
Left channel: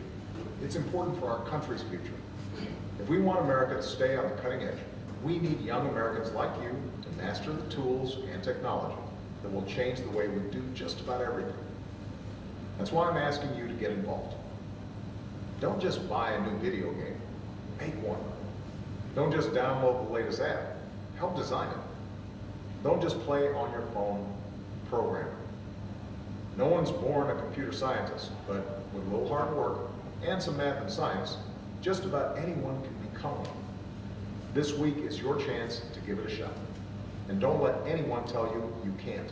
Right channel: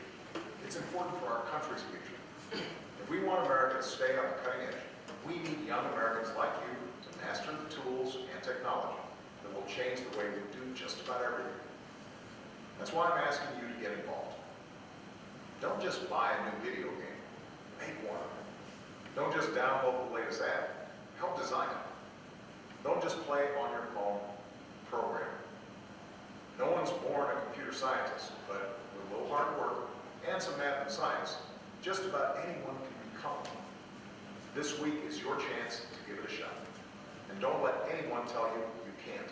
it's important for our country's future. If we want America to stay on the cutting edge, we need young Americans like you to master the tools and technology that will change the way we do just about everything. That's why I'm asking you to get involved. Don't just buy a new video game, make one. Don't just download the latest app, help design it. Don't just play on your phone, program it. No one's born a computer scientist, but with a little hard work and some math and science, just about anyone can become one. This week is your chance to give it a shot. And don't let anyone tell you you can't.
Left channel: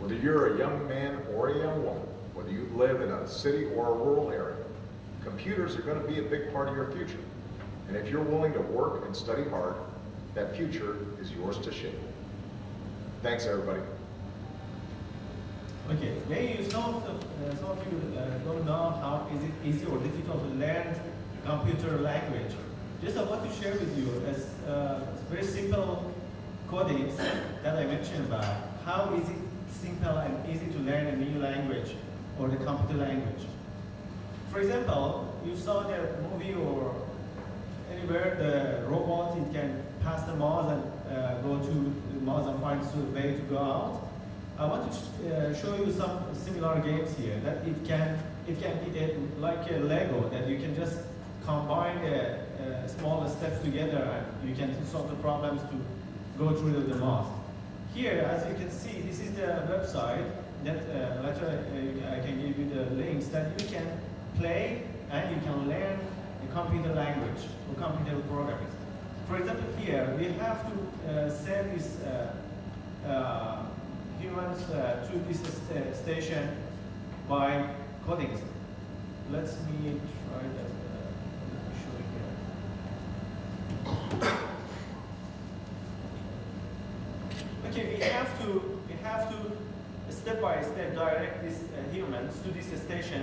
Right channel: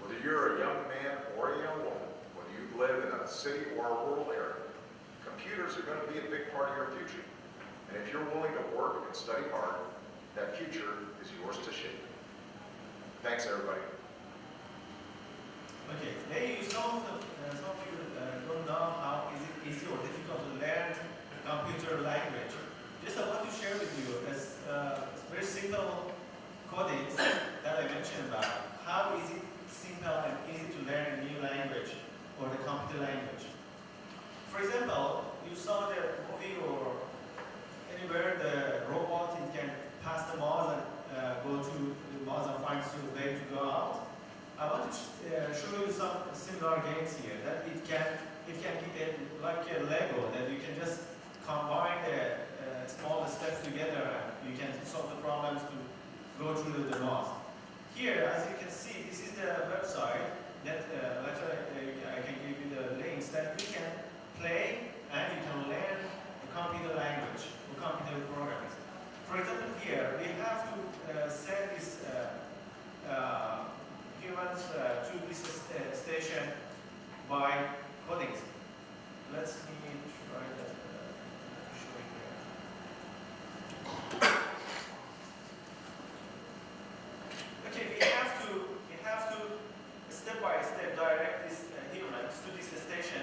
Whether you're a young man or a young woman, whether you live in a city or a rural area, computers are going to be a big part of your future. And if you're willing to work and study hard, that future is yours to shape. Thanks, everybody. Okay, maybe some of you don't know how is it easy or difficult to learn computer language. Just I want to share with you as very simple coding that I mentioned about. How is it simple and easy to learn a new language or the computer language? For example, you saw the movie or anywhere the robot it can pass the Mars and go to Mars and find the way to go out. I want to show you some similar games here that it can get like a Lego that you can just combine the small steps together and you can solve the problems to go through the Mars. Here, as you can see, this is the website that later I can give you the links that you can play and you can learn the computer language or computer programs. For example, here we have to send this humans to this station by coding. Let me try that. Okay, we have to step by step direct these humans to this station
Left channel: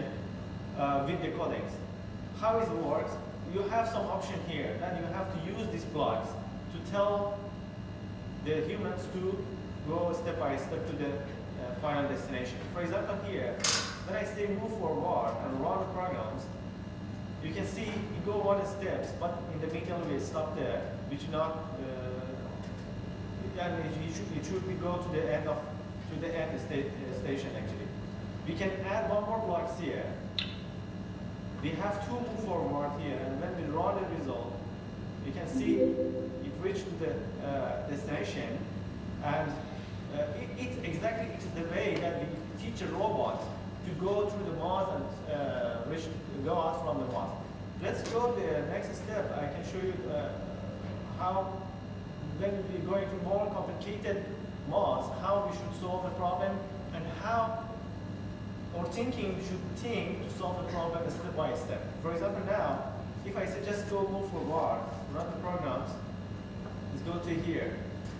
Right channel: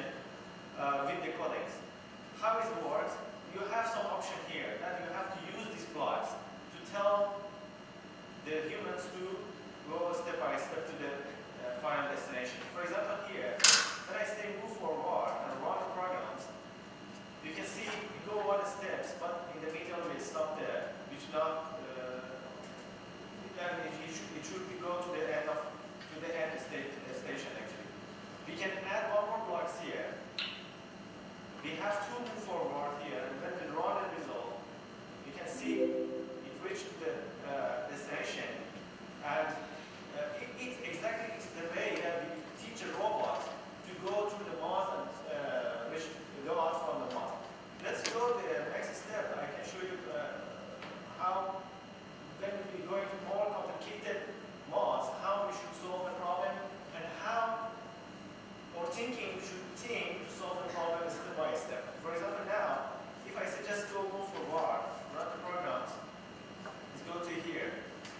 with the codecs. How it works? You have some option here that you have to use these blocks to tell the humans to go step by step to the final destination. For example, here, one steps, but in the middle we stop there. We should not. It should be go to the end station actually. We can add one more blocks here. We have to move forward here, and when we run the result, you can see it reached to the destination, and it's exactly the way that we teach a robot to go through the maze and reach go out from the maze. Let's go to the next step. I can show you how when we go into more complicated maze, how we should solve the problem, and how our thinking should think to solve the problem step by step. For example, now, if I say just go move forward, run the programs, let's go to here.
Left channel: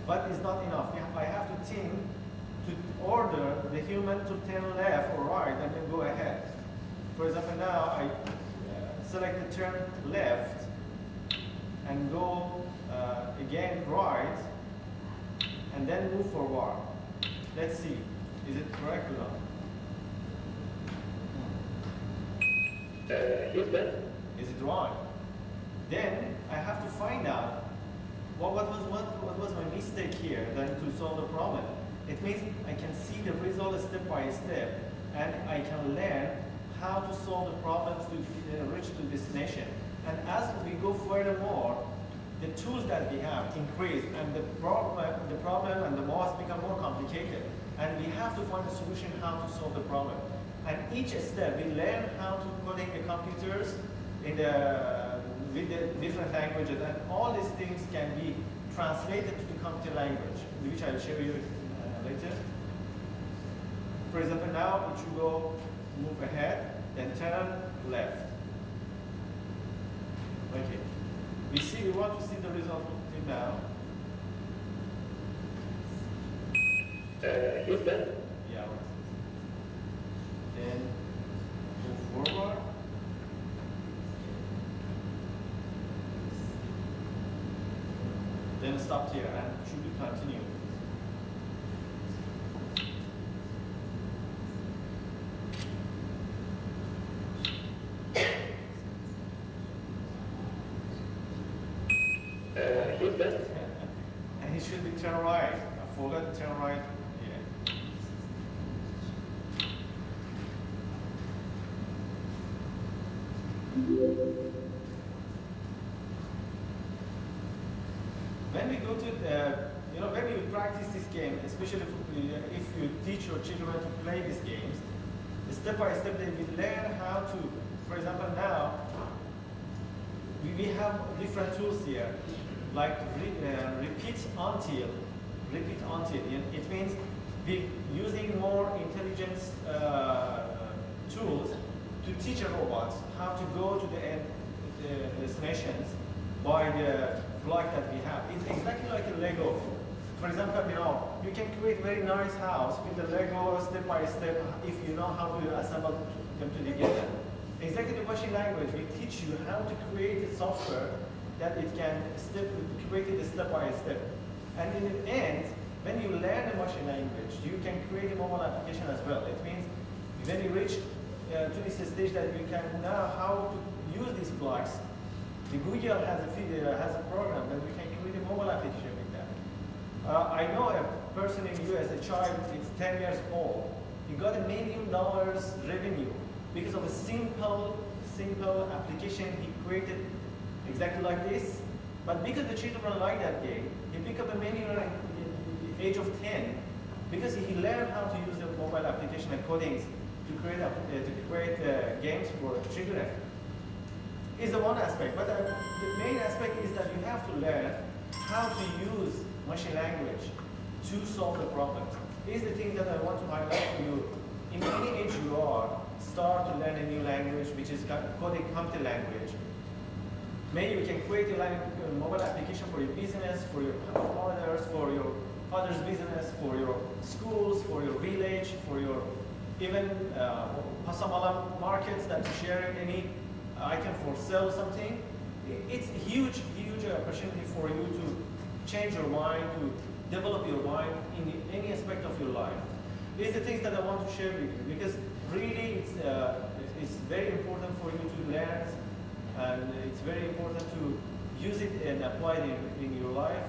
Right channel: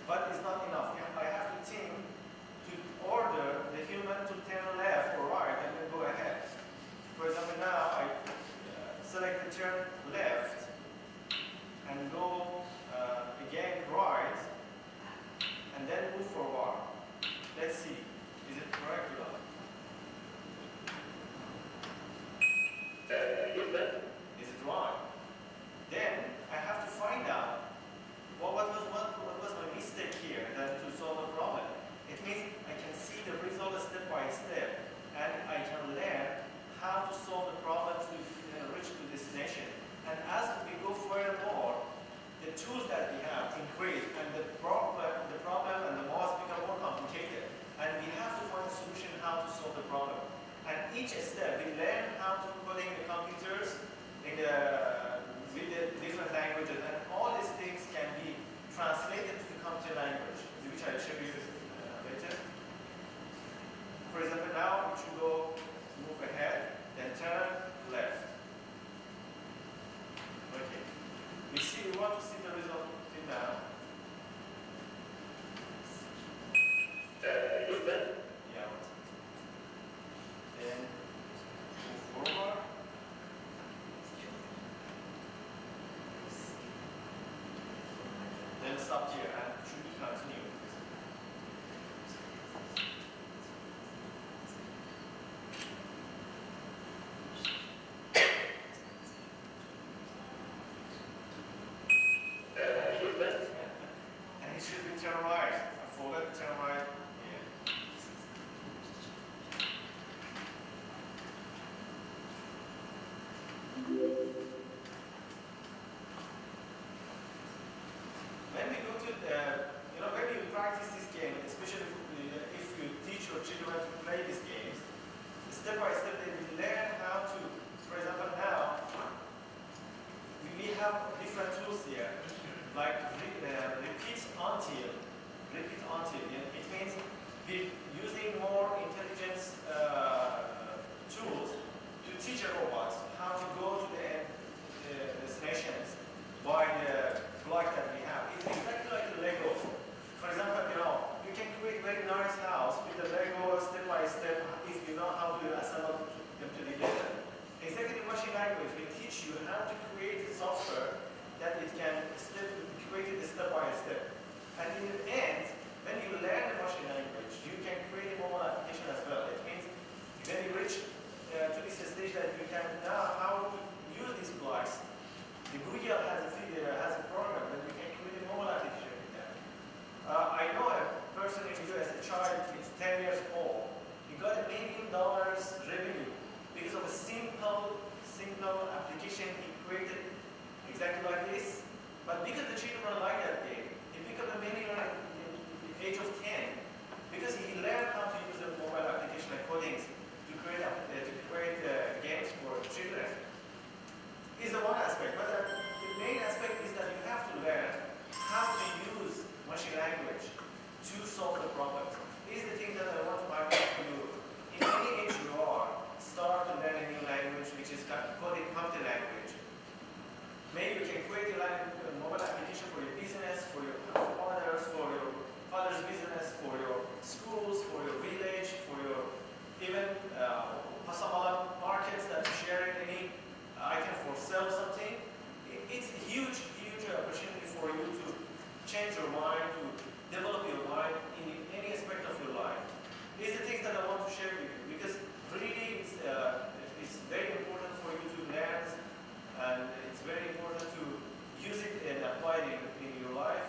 But it's not enough. I have to think to order the human to turn left or right and then go ahead. For example, now I select the turn left and go again right and then move forward. Let's see, is it correct or not? Is it right? Then I have to find out what was my mistake here then to solve the problem. It means I can see the result step by step, and I can learn how to solve the problems to reach to destination. And as we go furthermore, the tools that we have increase, and the problem and the math become more complicated. And we have to find a solution how to solve the problem. And each step, we learn how to coding the computers in with the different languages, and all these things can be translated to the computer language, which I'll show you later. For example, now it should go move ahead, then turn left. Okay. We want to see the result now. Yeah. Then move forward. Then stop here and should be continue. And it should be turn right. I forgot to turn right. Yeah. When we go to the, when you practice this game, especially if you teach your children to play these games, step by step they will learn how to, for example now, we have different tools here, like repeat until. It means we're using more intelligence tools to teach a robot how to go to the destinations by the block that we have. It's exactly like a Lego. For example, you can create a very nice house with the Lego step by step if you know how to assemble them together. Exactly the machine language will teach you how to create a software that it can create it step by step. And in the end, when you learn the machine language, you can create a mobile application as well. It means when you reach to this stage that you can know how to use these blocks, the Google has a program that we can create a mobile application with that. I know a person in the US, a child, is 10 years old. He got $1 million revenue because of a simple application he created exactly like this. But because the children like that game, he became a millionaire at the age of 10 because he learned how to use the mobile application and codings to create games for children. Is the one aspect, but the main aspect is that you have to learn how to use machine language to solve the problem. These are the things that I want to highlight to you. In any age you are, start to learn a new language, which is coding computer language. Maybe we can create a mobile application for your business, for your father's business, for your schools, for your village, for your even Passamala markets that sharing any item for sell something. It's a huge opportunity for you to change your mind, to develop your mind in any aspect of your life. These are the things that I want to share with you because really it's very important for you to learn, and it's very important to use it and apply it in your life.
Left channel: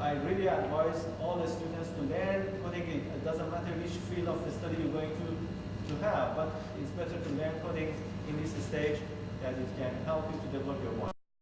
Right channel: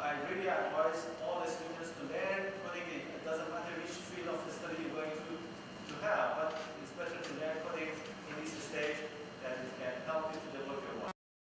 I really advise all the students to learn coding. It doesn't matter which field of study you're going to have, but it's better to learn coding in this stage, that it can help you to develop your mind.